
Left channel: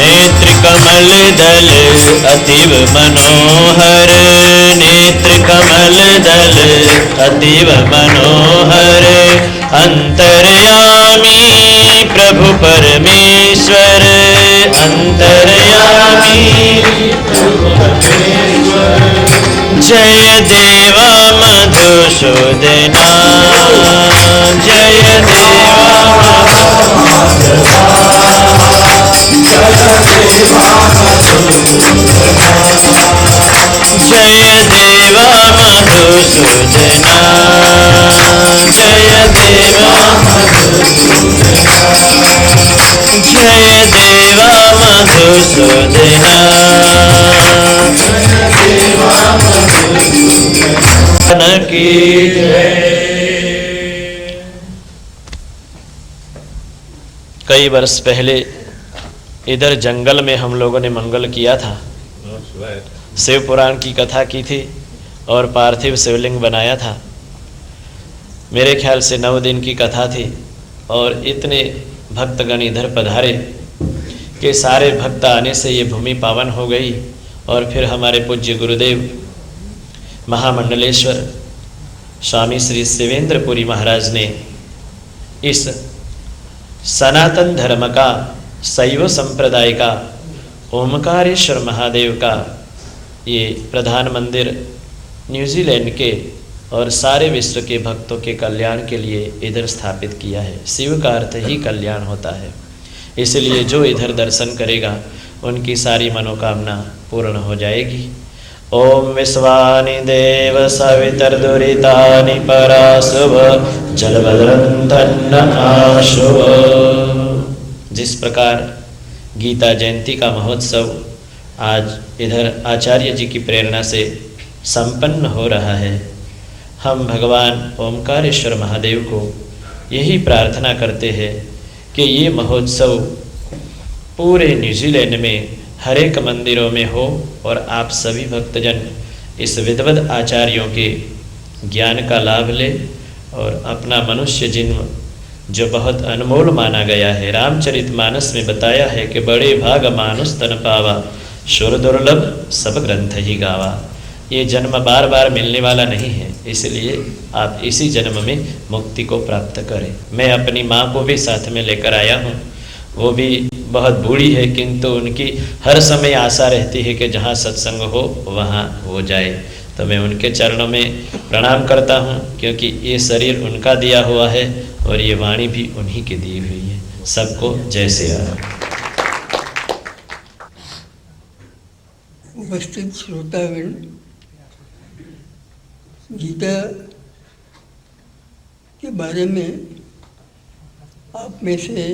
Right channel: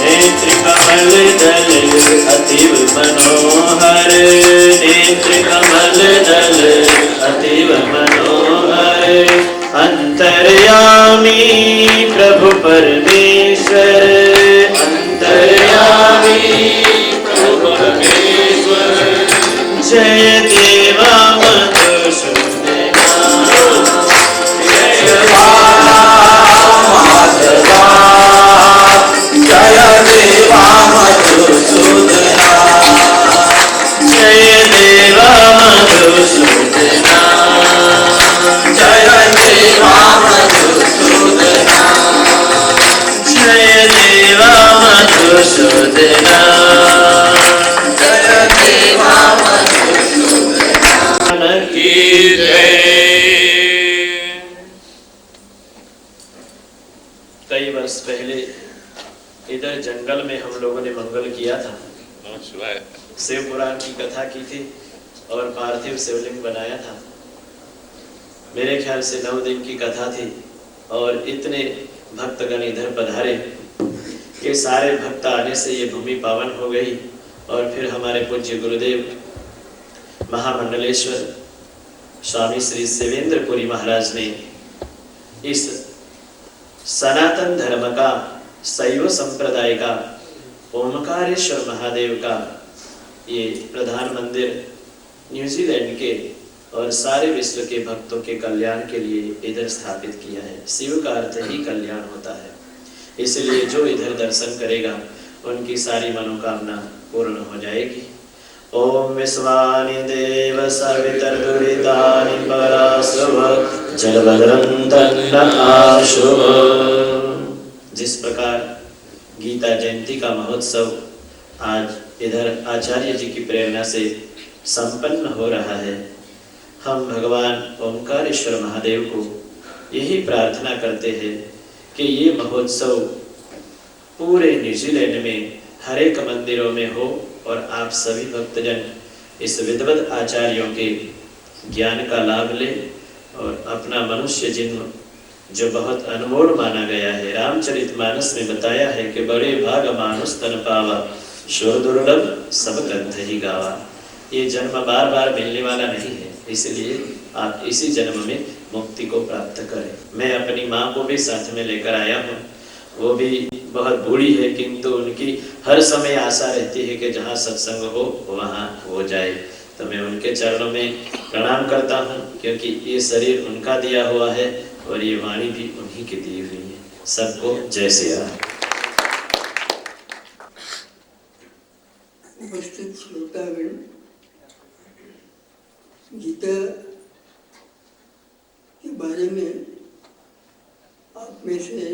नेत्र कमल दल अतीव मनोहर। नेत्र कमल दल अतीव मनोहर। अंतर्यामी प्रभु परमेश्वर। अंतर्यामी प्रभु परमेश्वर। जय देवा मधुसूदना। जय देवा माधवा जय देवा मधुसूदना। जय देवा मधुसूदना। जय देवा मधुसूदना। जय देवा मधुसूदना। जय देवा मधुसूदना की जय। कई वर्ष पहले इधर जंगल में हम लोगों ने मंगल किया था। शिव पुराण की कथा की थी और पार्थिव शिवलिंग बनाया था। मेरे ख्याल से 9 दिन की कथा थी और इतने भक्तगण इधर पधारे कि सारे भक्त आने से ये भूमि पावन हो गई। और फिर हमारे पूज्य गुरुदेव महामंडलेश्वर स्वामी श्री शिवेंद्रपुरी महाराज ने इस सनातन धर्म का, शैव संप्रदाय का, ओमकारेश्वर महादेव का ये प्रधान मंदिर न्यूजीलैंड के और सारे विश्व के भक्तों के कल्याण के लिए इधर स्थापित किया है। शिव का अर्थ ही कल्याण होता है, इसलिए जो इधर दर्शन करेगा उनकी सारी मनोकामना पूर्ण हो जाएगी। ओम विश्वानि देव सवितर्दुरितानि पराशुभ जलभद्रं आशुभ। जिस प्रकार गीता जयंती का महोत्सव आज इधर आचार्य जी की प्रेरणा से संपन्न हो रहा है, हम भगवान ओमकारेश्वर महादेव को यही प्रार्थना करते हैं कि ये महोत्सव पूरे न्यूजीलैंड में हर एक मंदिरों में हो और आप सभी भक्तजन इस विद्वद आचार्यों के ज्ञान का लाभ लें और अपना मनुष्य जन्म जो बहुत अनमोल माना गया है, रामचरितमानस में बताया है कि बड़े भाग मानुष तन पावा, शुर दुर्लभ सब ग्रंथ ही गावा। ये जन्म बार बार मिलने वाला नहीं है, इसलिए आप इसी जन्म में मुक्ति को प्राप्त करें। मैं अपनी माँ को भी साथ में लेकर आया हूँ। वो भी बहुत बूढ़ी है, किंतु उनकी हर समय आशा रहती है कि जहाँ सत्संग हो वहाँ हो जाए। तो मैं उनके चरणों में प्रणाम करता हूँ, क्योंकि ये शरीर उनका दिया हुआ है और ये वाणी भी उन्हीं की दी हुई है। सबको जय श्री राम। उपस्थित श्रोतागण, गीता के बारे में आप में से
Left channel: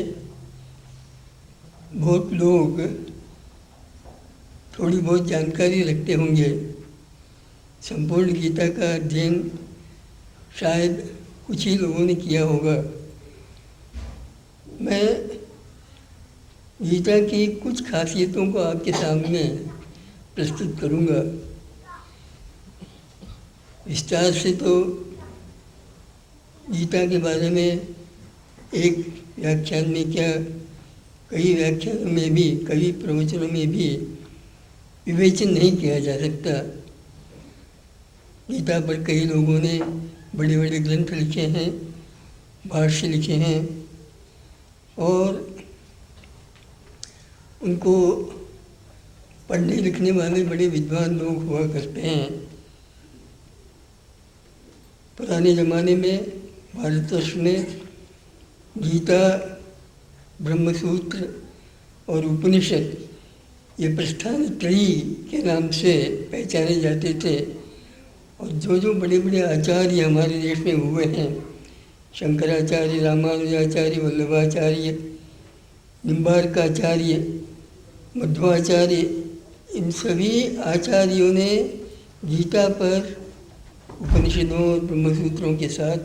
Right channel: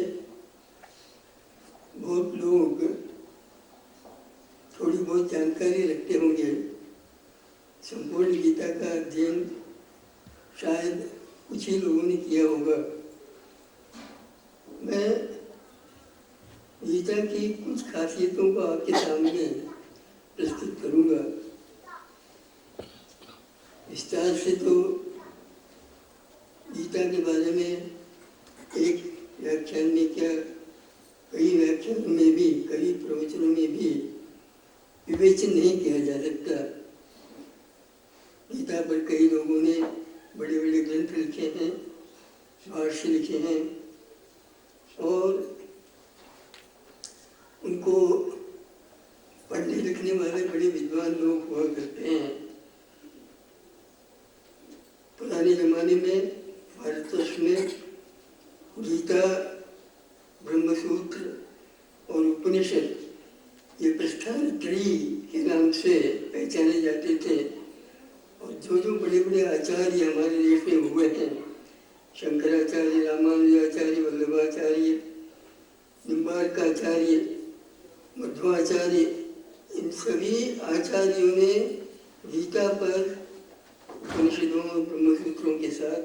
बहुत लोग थोड़ी बहुत जानकारी रखते होंगे। संपूर्ण गीता का अध्ययन शायद कुछ ही लोगों ने किया होगा। मैं गीता की कुछ खासियतों को आपके सामने प्रस्तुत करूंगा। विस्तार से तो गीता के बारे में एक व्याख्यान में क्या कई व्याख्यानों में भी, कई प्रवचनों में भी विवेचन नहीं किया जा सकता। गीता पर कई लोगों ने बड़े बड़े ग्रंथ लिखे हैं, भाष्य लिखे हैं, और उनको पढ़ने लिखने वाले बड़े विद्वान लोग हुआ करते हैं। पुराने ज़माने में भारतवर्ष में गीता, ब्रह्मसूत्र और उपनिषद ये प्रस्थान त्रयी के नाम से पहचाने जाते थे। और जो बड़े बड़े आचार्य हमारे देश में हुए हैं, शंकराचार्य, रामानुजाचार्य, वल्लभाचार्य, निम्बार्काचार्य, मध्वाचार्य, इन सभी आचार्यों ने गीता पर उपनिषदों और ब्रह्मसूत्रों के साथ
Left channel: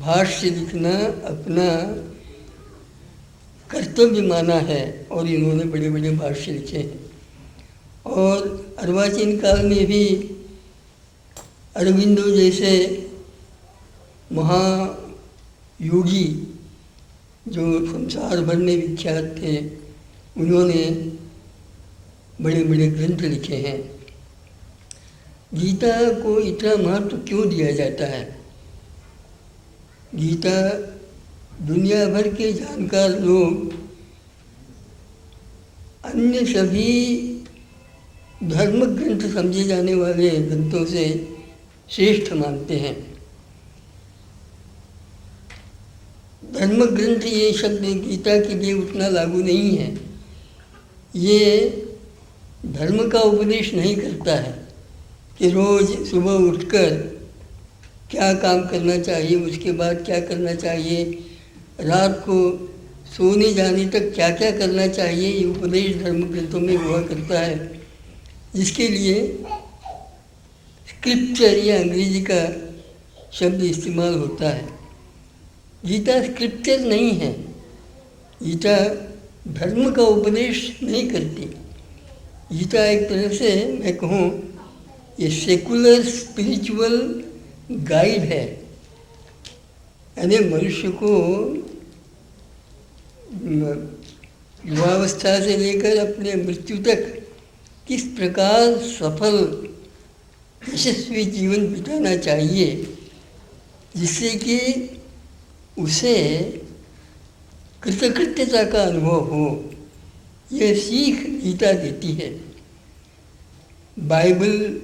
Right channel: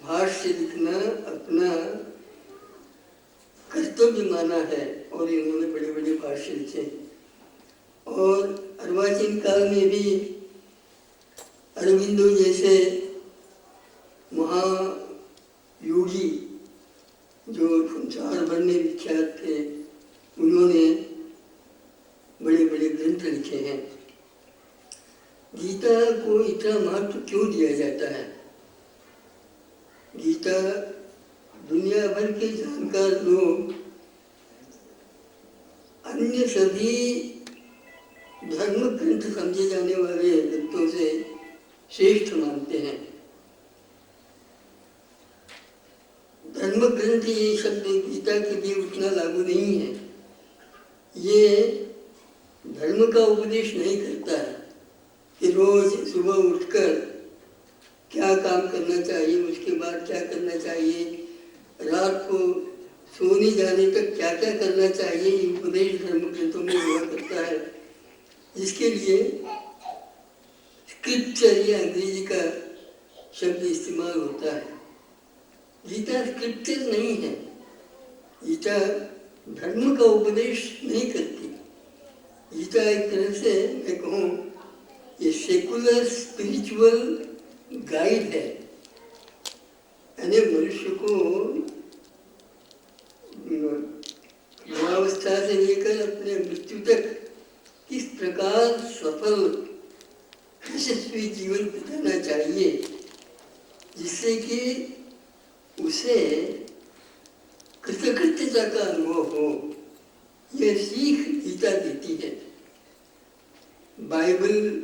भाष्य लिखना अपना कर्तव्य माना है, और इन्होंने बड़े बड़े भाष्य लिखे हैं। और अर्वाचीन काल में भी अरविंदो जैसे महायोगी जो संसार भर में विख्यात थे, उन्होंने बड़े बड़े ग्रंथ लिखे हैं। गीता को इतना महत्व क्यों दिया जाता है? गीता दुनिया भर के जानकार लोग अन्य सभी धर्म ग्रंथ समझे जाने वाले ग्रंथों से श्रेष्ठ मानते हैं। धर्म ग्रंथ ये शब्द गीता के लिए उतना लागू नहीं है। ये धर्म का उपदेश नहीं करता है कि रोज़ सुबह उठकर क्या काम करना चाहिए, उसके बाद क्या करना चाहिए, रात को सोने जाने तक क्या क्या करना चाहिए। ये उपदेश धर्म ग्रंथों में हुआ करता है, जिसके लिए स्क्रिप्चर या अंग्रेजी का शब्द इस्तेमाल होता है। गीता स्क्रिप्चर नहीं है। गीता धर्म का उपदेश नहीं करती। गीता एक तरह से मैं कहूँ ये सेकुलर स्पिरिचुअल गाइड है। यानी मनुष्य को युवावस्था से लेकर अपने मृत्यु तक किस प्रकार सफल यशस्वी जीवन बिताना चाहिए, जिससे कि उसे कृतकृत्यता का अनुभव हो, यह सीख गीता देती है। Bible,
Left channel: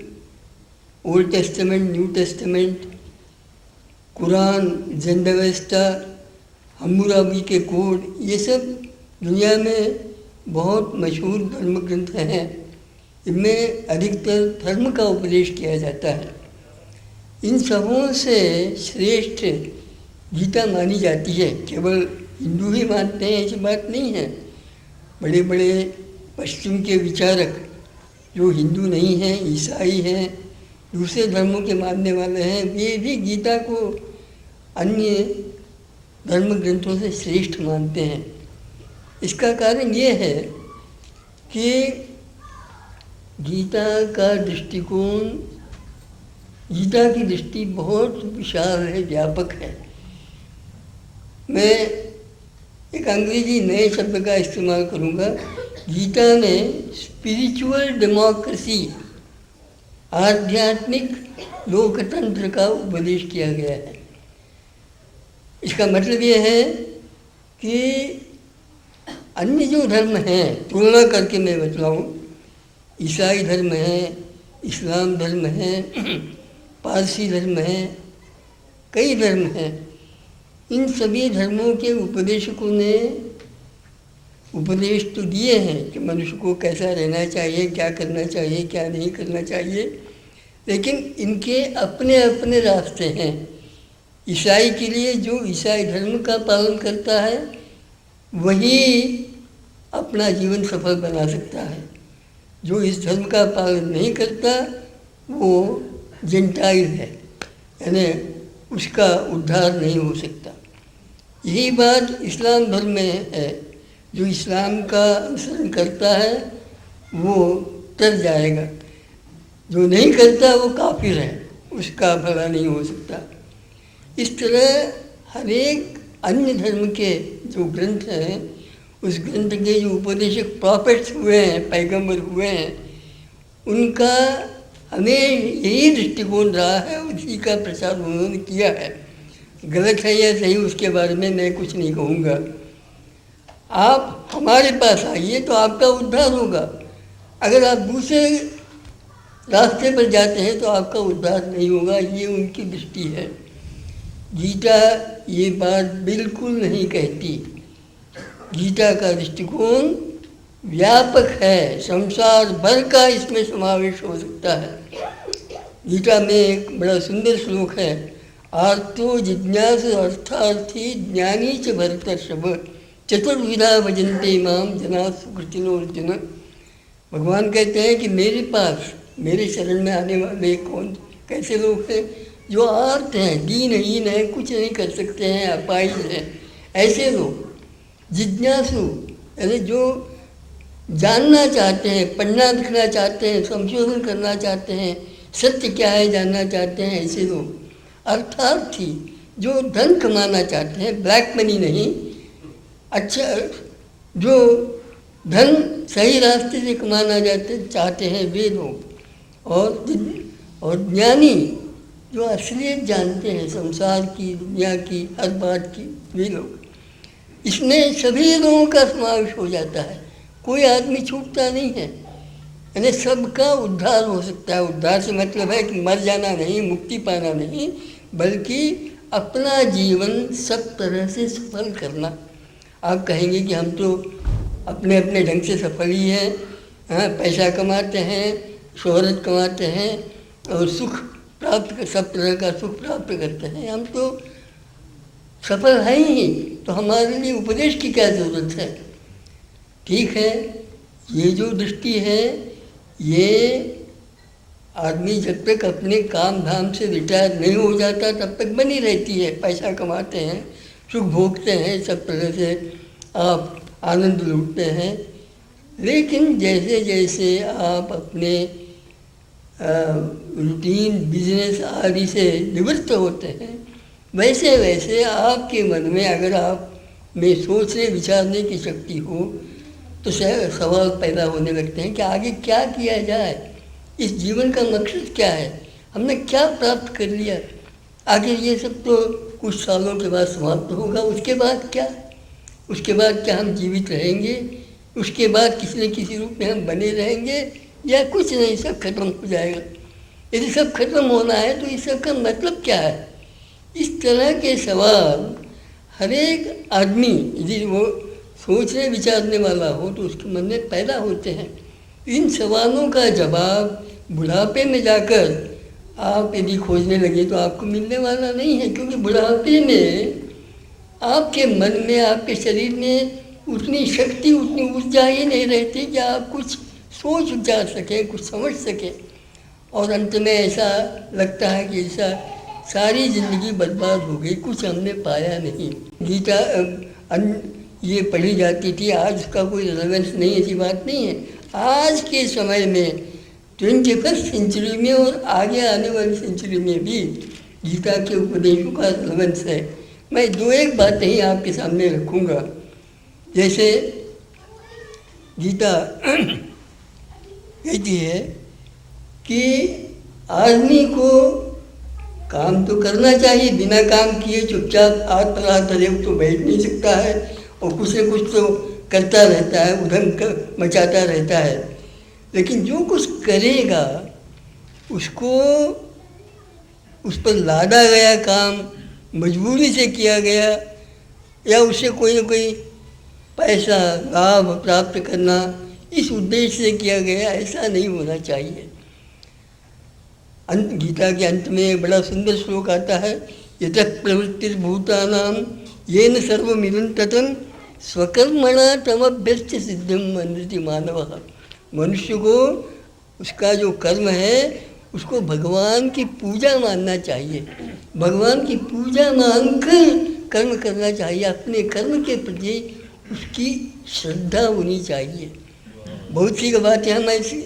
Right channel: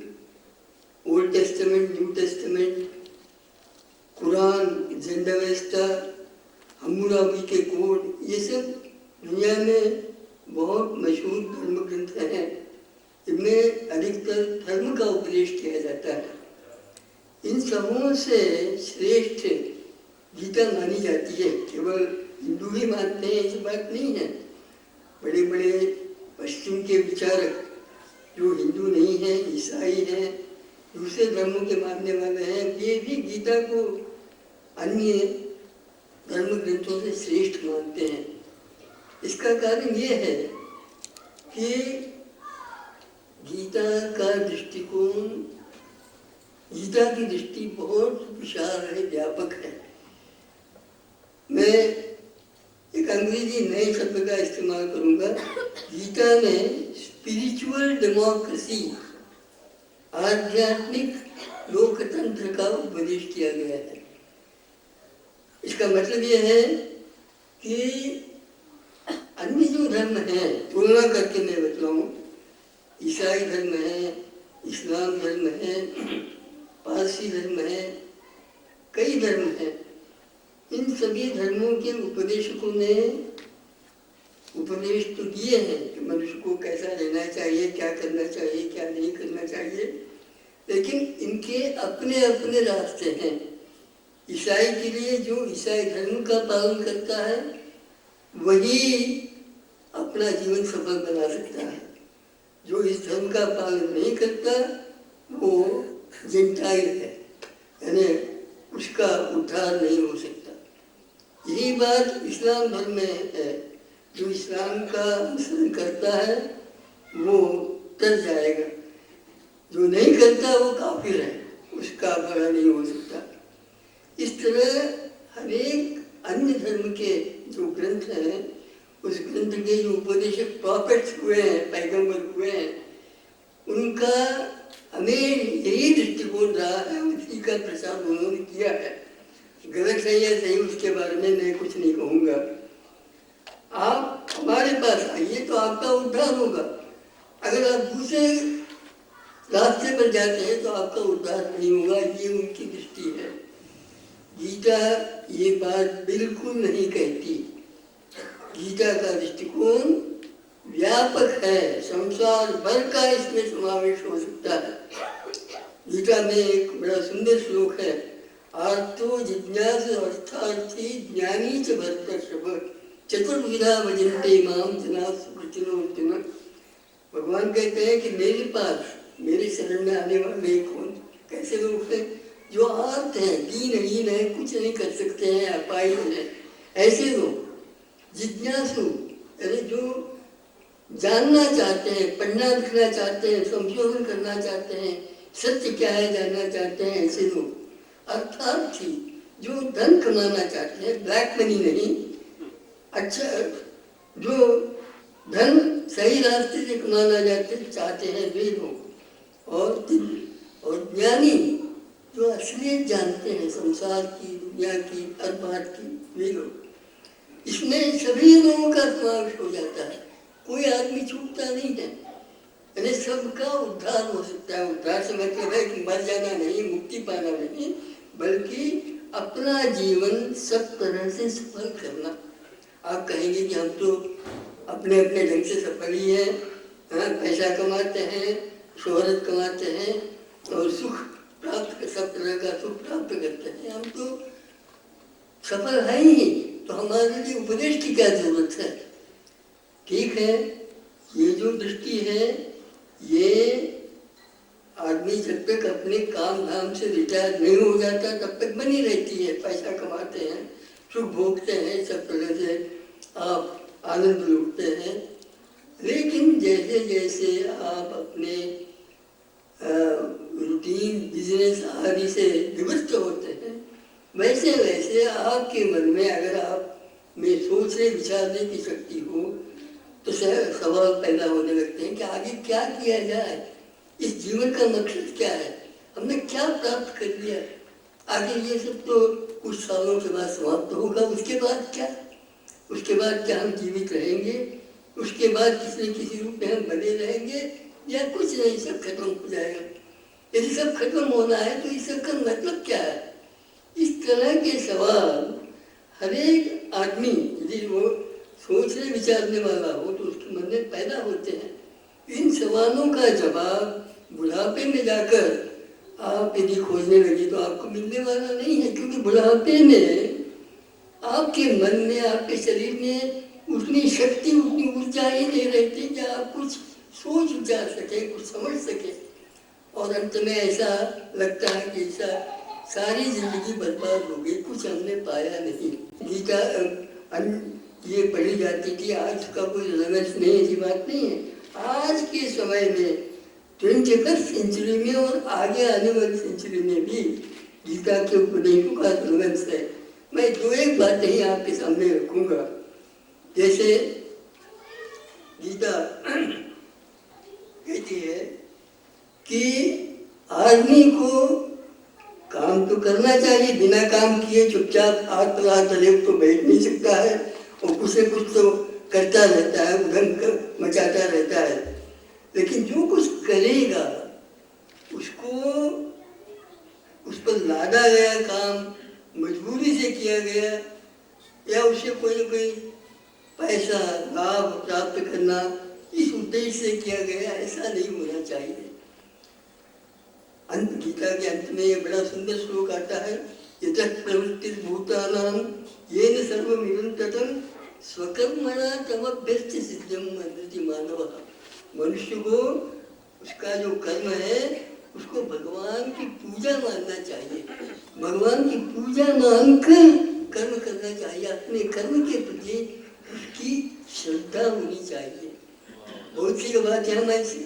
old testament, new testament, Quran, Zend Avesta, Hammurabi के कोड, ये सब दुनिया में बहुत मशहूर धर्म ग्रंथ हैं। इनमें अधिकतर धर्म का उपदेश किया जाता है। इन सबों से श्रेष्ठ गीता मानी जाती है। केवल हिंदू ही मानते हैं ऐसी बात नहीं है। बड़े बड़े पश्चिम के विचारक जो हिंदू नहीं हैं, ईसाई हैं, दूसरे धर्मों के मानने वाले हैं, वे भी गीता को अन्य धर्म ग्रंथों से श्रेष्ठ मानते हैं। इसका कारण ये है कि गीता का दृष्टिकोण, गीता की दृष्टि बहुत विशाल है, व्यापक है। मैं एक अंग्रेजी नए शब्द का इस्तेमाल करूँगा। गीता में स्पिरिचुअल डेमोक्रेसी, आध्यात्मिक लोकतंत्र का उपदेश किया गया है। इसका मतलब ये है कि अन्य जो धर्म हैं, तुलना करके मैं बतलाऊँ, ईसाई धर्म है, इस्लाम धर्म है, पारसी धर्म है, कई धर्म हैं। इन सभी धर्मों के उपदेशकों ने उपदेश तो दिए हैं कि मनुष्य को कैसा रहना चाहिए, क्या करना चाहिए, क्या नहीं करना चाहिए, लेकिन इनके अपने अपने रास्ते हैं। ईसाई के लिए जो ईसाई धर्म का पालन करता है वही अपना जीवन सफल बना सकता है। जो इस धर्म का पालन नहीं करता वो जेंटाइल है, यानी उसका उद्धार नहीं हो सकता। यही बात इस्लाम धर्म में है। जो इस्लाम का अनुसरण करता है वो तर जाएगा, जो नहीं करता वो काफिर है, उसका भला नहीं हो सकता। इस तरह हर एक अन्य धर्म के जो ग्रंथ हैं उस ग्रंथ के जो उपदेशक प्रॉफिट्स हुए हैं, पैगंबर हुए हैं, उनका हमें यही दृष्टिकोण रहा है, उसी का प्रचार उन्होंने किया है। गलत है या सही उसके बारे में मैं कुछ नहीं कहूँगा। आप हमारे पास आइए तो आपका उद्धार होगा। अगर आप दूसरे रास्ते पर जाते हैं तो आपका उद्धार नहीं होगा। ये उनकी दृष्टि है। गीता ये बात बिल्कुल नहीं कहती। गीता का दृष्टिकोण व्यापक है, संसार भर का इसमें समावेश हो सकता है। गीता में एक बड़ा सुंदर श्लोक है, आर्तो जिज्ञासु अर्थार्थी ज्ञानी च भरतर्षभ चतुर्विधा भजन्ते माम जना सुकृतिनो अर्जुन। भगवान कहते हैं कि मेरे पास, मेरे शरण में आने वाले कौन कैसे लोग हैं? जो आर्त हैं, दीनहीन हैं, कुछ नहीं कर सकते हैं, अपाहिज हैं, ऐसे लोग। जिज्ञासु यानी जो जानना चाहते हैं, पढ़ना लिखना चाहते हैं, संशोधन करना चाहते हैं, सत्य क्या है जानना चाहते हैं, ऐसे लोग। अर्थार्थी जो धन कमाना चाहते हैं, ब्लैक मनी नहीं, अच्छा जो धन सही रास्ते से कमाना चाहते हैं वे लोग। और ज्ञानी जो असलियत जानते हैं संसार की, दुनिया की, हर बात की, वे लोग। इसमें सभी लोगों का समावेश हो जाता है, कोई आदमी छूटता नहीं है। यानी सबका उद्धार हो सकता है। उद्धार से मतलब है कि मर जाना नहीं, मुक्ति पाना नहीं, बल्कि अपना जीवन सब तरह से सफल करना। आप कहेंगे कि हम तो अपने अपने ढंग से सफल ही हैं, हाँ, पैसा कमाते हैं, शोहरत कमाते हैं और सुख प्राप्त, सब तरह का सुख प्राप्त करते हैं, हम तो सफल है ही। तो हमारे लिए उपदेश की क्या ज़रूरत है? ठीक है, ये जो दृष्टि है ये आदमी जब तक अपने काम धाम से रिटायर नहीं हो जाता तब तक बनी रहती है। पैसा कमाते हैं, सुख भोगते हैं, सब तरह से आप आनंद लूटते हैं। लेकिन जैसे जैसे आप अपने रूटीन बिजनेस आदि से निवृत्त होते हैं, वैसे वैसे आपके मन में अगर आप में सोचने विचारने की शक्ति हो तो सवाल पैदा होने लगते हैं कि आगे क्या किया जाए, इस जीवन का मकसद क्या है, हमने क्या प्राप्त कर लिया। आखिर ये सब तो कुछ सालों के बाद समाप्त होगा, उसके बाद क्या? उसके बाद क्या हम जीवित रहेंगे? उसके बाद किसी न किसी रूप में हम बने रहेंगे या कुछ नहीं, सब खत्म हो जाएगा। यदि सब खत्म होना है तो इस सब का मतलब क्या है? इस तरह के सवाल हर एक आदमी यदि वो सोचने विचारने वाला हो तो उसके मन में पैदा होते हैं। इन सवालों का जवाब बुढ़ापे में जाकर आप यदि खोजने लगे तो आपको मिलने वाला नहीं है, क्योंकि बुढ़ापे में आपके मन में, आपके शरीर में उतनी शक्ति, उतनी ऊर्जा ही नहीं रहती कि आप कुछ सोच विचार सकें, कुछ समझ सकें। और अंत में ऐसा लगता है कि ऐसा सारी जिंदगी बर्बाद हो गई, कुछ हमने पाया नहीं। गीता ये पढ़ी जाती थी, आज उसका कोई रेलेवेंस नहीं, ऐसी बात नहीं है। आज के समय में 21st सेंचुरी में और आगे आने वाली सेंचुरी में भी गीता के उपदेशों का रेलेवेंस है। मैं दो एक बातें ही आपके सामने रखूँगा। जैसे गीता कहती है कि आदमी को काम तो करना चाहिए, बिना काम किए चुपचाप हाथ पर धरे तो बैठ नहीं सकता है और कुछ न कुछ तो करता रहता है, उधर मचाता रहता है। लेकिन जो कुछ करेगा उसको उस पर लादा गया काम मजबूरी से किया गया या उससे कोई न कोई पैसा लाभ प्राप्त करना इस उद्देश्य से किया गया, ऐसा नहीं होना चाहिए। गीता के अंत में बड़ा सुंदर श्लोक आता है, यतः प्रवृत्तिर्भूतानां येन सर्वमिदं ततं स्वकर्मणा तमभ्यस्य सिद्धिं मन्यते मानवः। मनुष्य को उसका जो कर्म है उसको भगवान की पूजा मानना चाहिए, भगवान की पूजा मानकर कर्म करना चाहिए। अपने कर्म के प्रति उसकी श्रद्धा होनी चाहिए। बहुत सी बातें हम ऐसे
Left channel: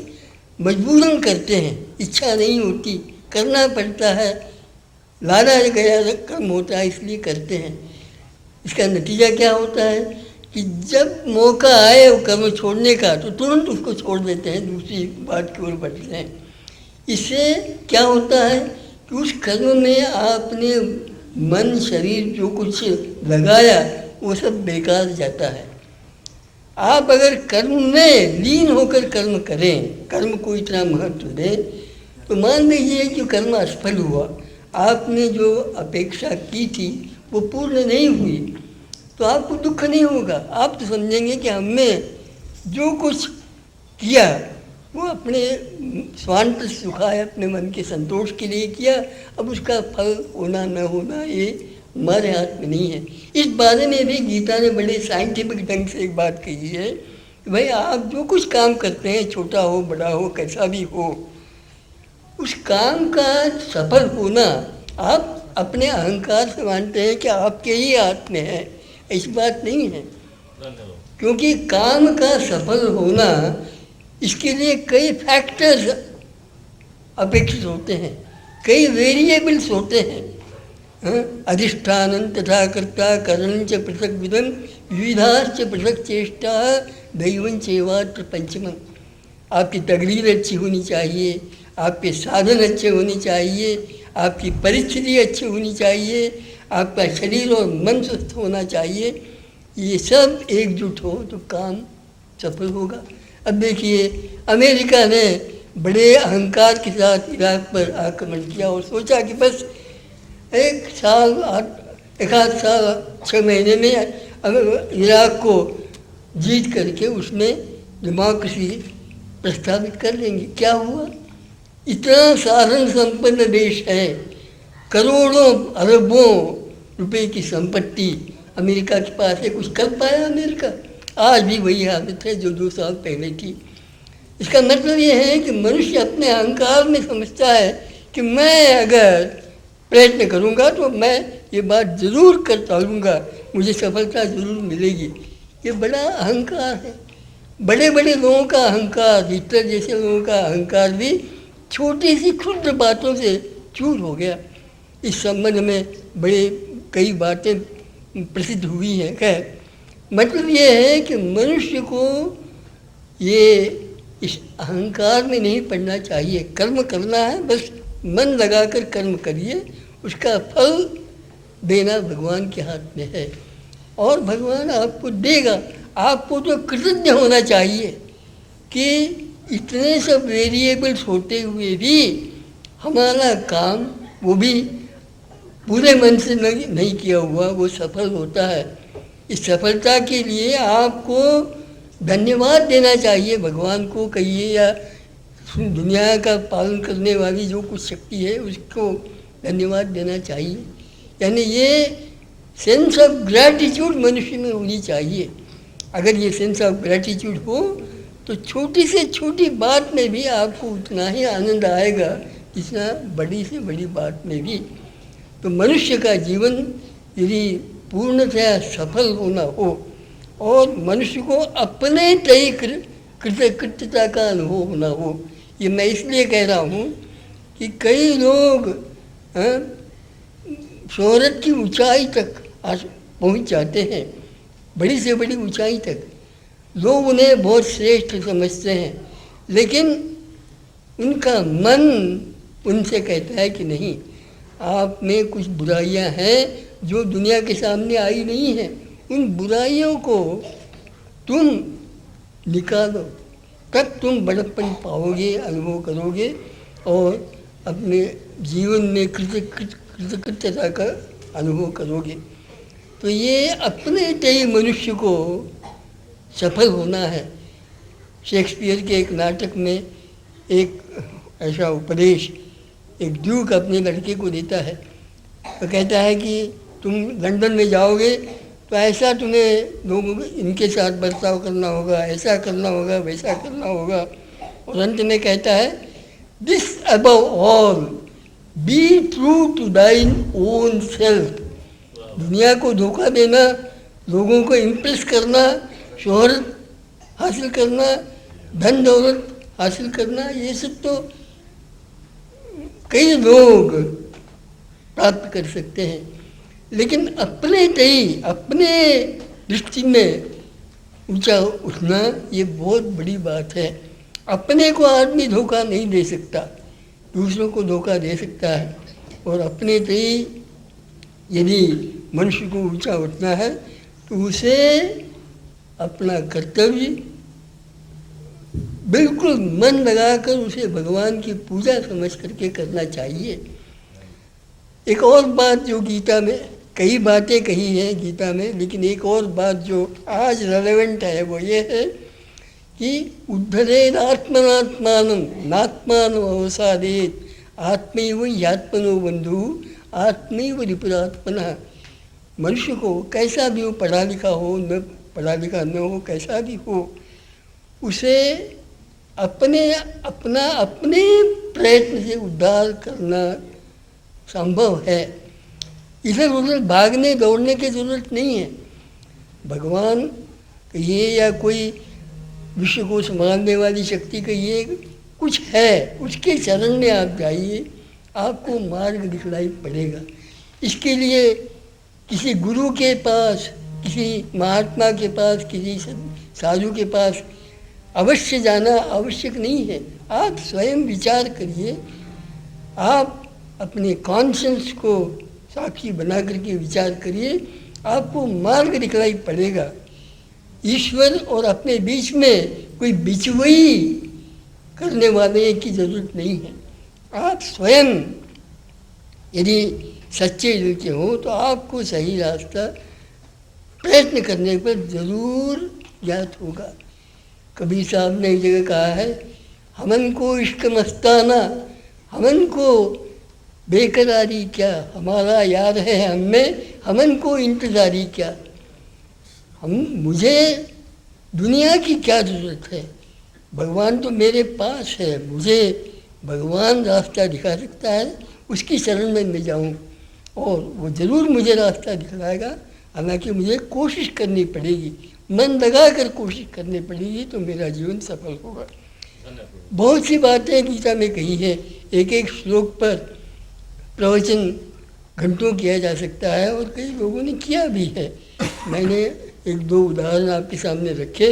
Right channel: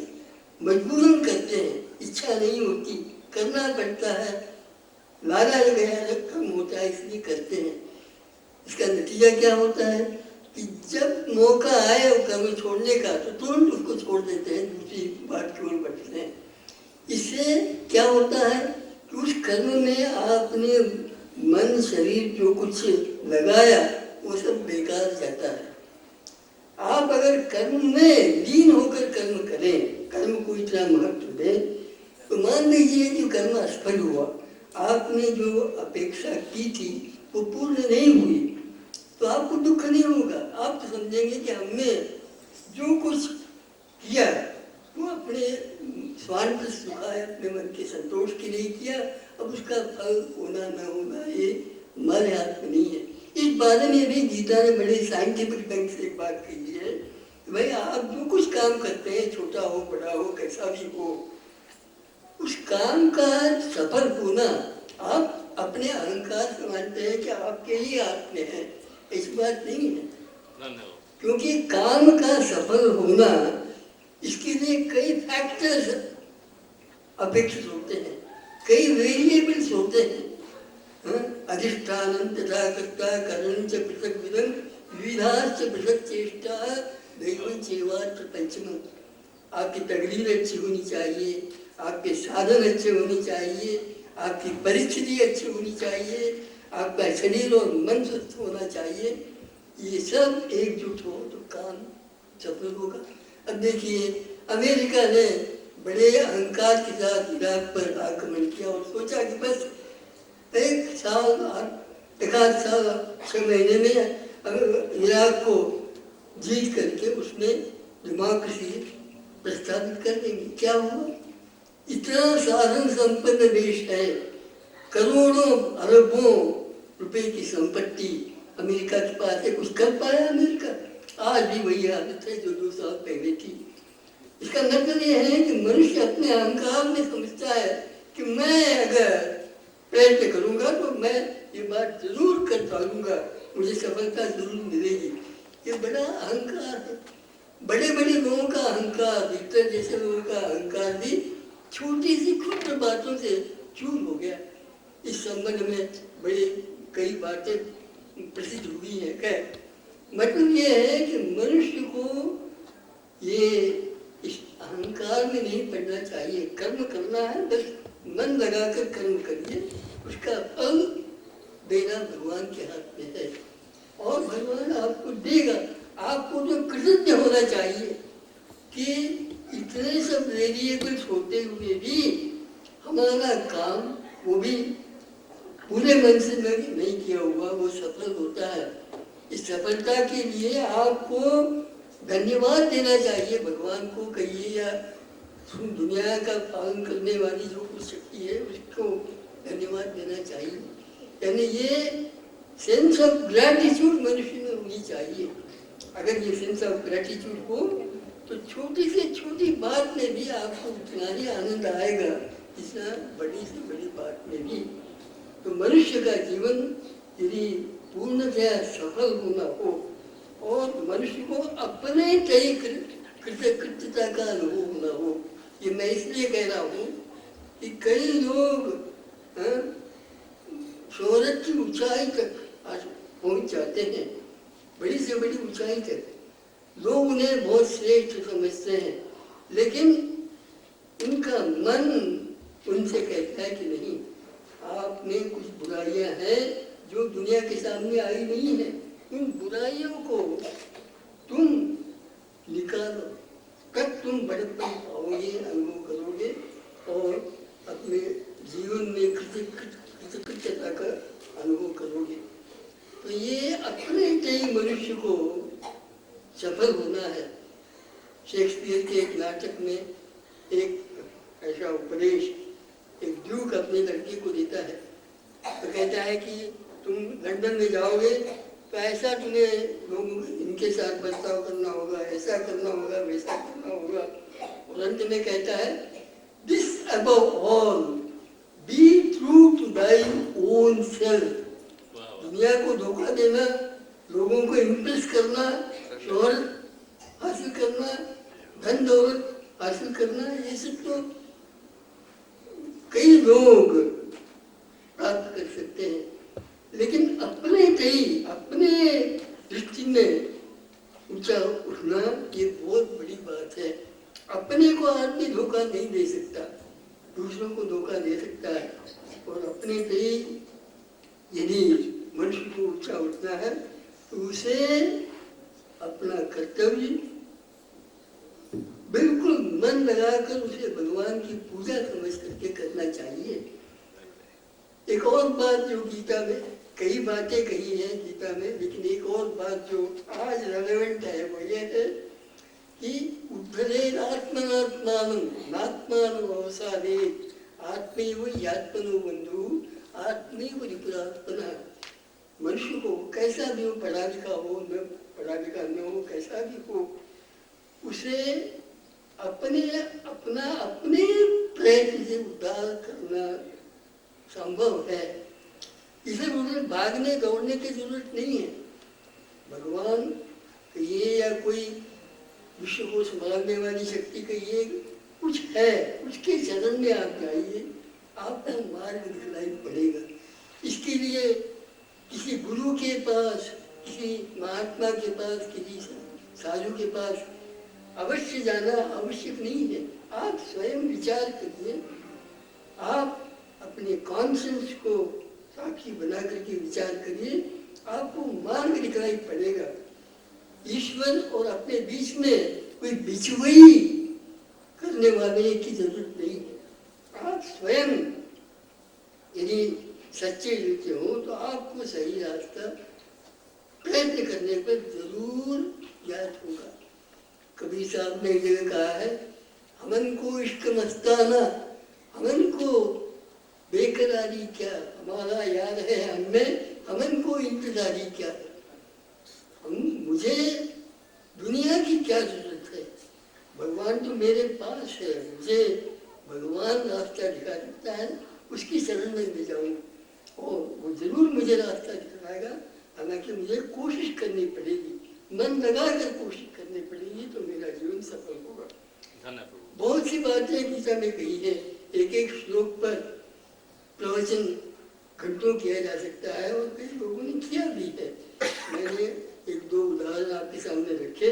मजबूरन करते हैं, इच्छा नहीं होती, करना पड़ता है, लादा गया कर्म होता है इसलिए करते हैं। इसका नतीजा क्या होता है कि जब मौका आए वो कर्म छोड़ने का तो तुरंत उसको छोड़ देते हैं, दूसरी बात की ओर बढ़ते हैं। इससे क्या होता है कि उस कर्म में आपने मन शरीर जो कुछ लगाया वो सब बेकार जाता है। आप अगर कर्म में लीन होकर कर्म करें, कर्म को इतना महत्व दें, तो मान लीजिए कि कर्म असफल हुआ, आपने जो अपेक्षा की थी वो पूर्ण नहीं हुई, तो आपको दुख नहीं होगा। आप तो समझेंगे कि हमने जो कुछ किया वो अपने स्वांत सुखाए, अपने मन के संतोष के लिए किया, अब उसका फल होना न होना ये हमारे हाथ में नहीं है। इस बारे में भी गीता ने बड़े साइंटिफिक ढंग से एक बात कही है कि भाई आप जो कुछ काम करते हैं, छोटा हो बड़ा हो कैसा भी हो, उस काम का सफल होना आप अपने अहंकार से मानते हैं कि आपके ही हाथ में है, ऐसी बात नहीं है। क्योंकि काम का सफल होना इसके लिए कई फैक्टर्स अपेक्षित होते हैं, कई वेरिएबल्स होते हैं। अधिष्ठान तथा कर्ता करणं च पृथक विधम विविधाश्च पृथक चेष्टा दैवं चैवात्र पंचमम्। आपकी तकदीर अच्छी होनी चाहिए, आपके साधन अच्छे होने चाहिए, आपकी परिस्थिति अच्छी होनी चाहिए, आपका शरीर और मन स्वस्थ होना चाहिए। ये सब एकजुट हो तो काम सफल होगा। अब देखिए, अमेरिका ने बड़े अहंकार के साथ इराक पर आक्रमण किया और सोचा कि बस एक आध साल 6 महीने में इराक को जीत करके उसमें डेमोक्रेसी प्रस्तावित कर लेंगे। क्या हुआ? इतना साधन संपन्न देश है, करोड़ों अरबों रुपए की संपत्ति अमेरिका के पास है, कुछ कर पाया अमेरिका? आज भी वही हालत है जो 2 साल पहले थी। इसका मतलब ये है कि मनुष्य अपने अहंकार में समझता है कि मैं अगर प्रयत्न करूंगा तो मैं ये बात जरूर कर पाऊंगा, मुझे सफलता जरूर मिलेगी। ये बड़ा अहंकार है। बड़े बड़े लोगों का अहंकार, हिटलर जैसे लोगों का अहंकार भी छोटी सी क्षुद्र बातों से चूर हो गया। इस संबंध में बड़े कई बातें प्रसिद्ध हुई हैं। खैर, मतलब ये है कि मनुष्य को ये इस अहंकार में नहीं पड़ना चाहिए। कर्म करना है, बस मन लगाकर कर्म करिए, उसका फल देना भगवान के हाथ में है और भगवान आपको देगा। आपको तो कृतज्ञ होना चाहिए कि इतने सब वेरिएबल्स होते हुए भी हमारा काम, वो भी पूरे मन से नहीं किया हुआ, वो सफल होता है। इस सफलता के लिए आपको धन्यवाद देना चाहिए भगवान को, कहिए या दुनिया का पालन करने वाली जो कुछ शक्ति है उसको धन्यवाद देना चाहिए। यानी ये सेंस ऑफ ग्रैटिट्यूड मनुष्य में होनी चाहिए। अगर ये सेंस ऑफ ग्रैटिट्यूड हो तो छोटी से छोटी बात में भी आपको उतना ही आनंद आएगा जितना बड़ी से बड़ी बात में भी। तो मनुष्य का जीवन यदि पूर्णतया सफल होना हो और मनुष्य को अपने तय कृतज्ञता का अनुभव होना हो, ये मैं इसलिए कह रहा हूँ कि कई लोग शोहरत की ऊंचाई तक पहुँच जाते हैं, बड़ी से बड़ी ऊंचाई तक। लोग उन्हें बहुत श्रेष्ठ समझते हैं, लेकिन उनका मन उनसे कहता है कि नहीं, आप में कुछ बुराइयां हैं जो दुनिया के सामने आई नहीं हैं। उन बुराइयों को तुम निकालो, तब तुम बड़प्पन पाओगे, अनुभव करोगे और अपने जीवन में कृतज्ञता का अनुभव करोगे। तो ये अपने तय मनुष्य को सफल होना है। शेक्सपियर के एक नाटक में एक ऐसा उपदेश एक ड्यूक अपने लड़के को देता है। तो कहता है कि तुम लंदन में जाओगे तो ऐसा तुम्हें लोगों इनके साथ बर्ताव करना होगा, ऐसा करना होगा, वैसा करना होगा। और अंत में कहता है, this above all be true to thine own self. दुनिया को धोखा देना, लोगों को इम्प्रेस करना, शोहरत हासिल करना, धन दौलत हासिल करना, ये सब तो कई लोग प्राप्त कर सकते हैं, लेकिन अपने तय, अपने दृष्टि में ऊंचा उठना ये बहुत बड़ी बात है। अपने को आदमी धोखा नहीं दे सकता, दूसरों को धोखा दे सकता है। और अपने से ही यदि मनुष्य को ऊंचा उठना है तो उसे अपना कर्तव्य बिल्कुल मन लगाकर उसे भगवान की पूजा समझ करके करना चाहिए। एक और बात जो गीता में, कई बातें कही हैं गीता में, लेकिन एक और बात जो आज रेलेवेंट है वो ये है कि उद्धरेन आत्मनात्मानं नात्मानं अवसादेत आत्मैव ह्यात्मनो बंधु आत्मैव रिपुरात्मनः। मनुष्य को कैसा भी हो, पढ़ा लिखा हो न पढ़ा लिखा न हो, कैसा भी हो, उसे अपने प्रयत्न से उद्धार करना संभव है। इधर उधर भागने दौड़ने की जरूरत नहीं है। भगवान कहिए या कोई विश्व को संभालने वाली शक्ति कहिए, कुछ है, उसके चरण में आप जाइए, आपको मार्ग दिखलाई पड़ेगा। इसके लिए किसी गुरु के पास, किसी महात्मा के पास, किसी साधु के पास अवश्य जाना आवश्यक नहीं है। आप स्वयं विचार करिए, आप अपने कॉन्शियंस को साक्षी बना करके विचार करिए, आपको मार्ग दिखलाई पड़ेगा। ईश्वर और अपने बीच में कोई बिचवई करने वाले की जरूरत नहीं है। आप स्वयं यदि सच्चे दिल के हो तो आपको सही रास्ता प्रयत्न करने पर जरूर ज्ञात होगा। कबीर साहब ने एक जगह कहा है, हमन को इश्क मस्ताना, हमन को बेकरारी क्या, हमारा यार है हमें, हमन को इंतजारी क्या। मुझे दुनिया की क्या ज़रूरत है, भगवान तो मेरे पास है, मुझे भगवान रास्ता दिखा सकता है, उसकी शरण में मैं जाऊँ और वो ज़रूर मुझे रास्ता दिखलाएगा। हालांकि मुझे कोशिश करनी पड़ेगी, मन लगा कर कोशिश करनी पड़ेगी, तो मेरा जीवन सफल होगा। बहुत सी बातें गीता में कही है, एक एक श्लोक पर प्रवचन घंटों किया जा सकता है और कई लोगों ने किया भी है। मैंने एक दो उदाहरण आपके सामने रखे,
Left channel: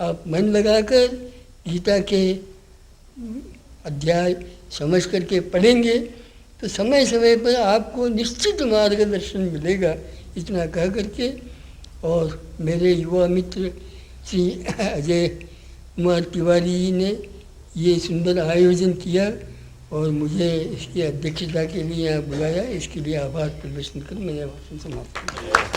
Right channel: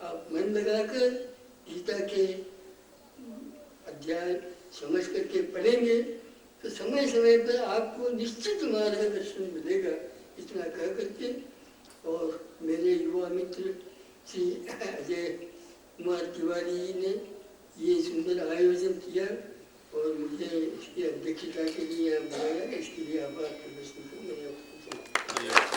आप मन लगाकर गीता के अध्याय समझ करके पढ़ेंगे तो समय समय पर आपको निश्चित मार्गदर्शन मिलेगा। इतना कह करके, और मेरे युवा मित्र श्री अजय कुमार तिवारी जी ने ये सुंदर आयोजन किया और मुझे इसकी अध्यक्षता के लिए यहाँ बुलाया, इसके लिए आभार प्रदर्शन कर मैंने भाषण समाप्त किया।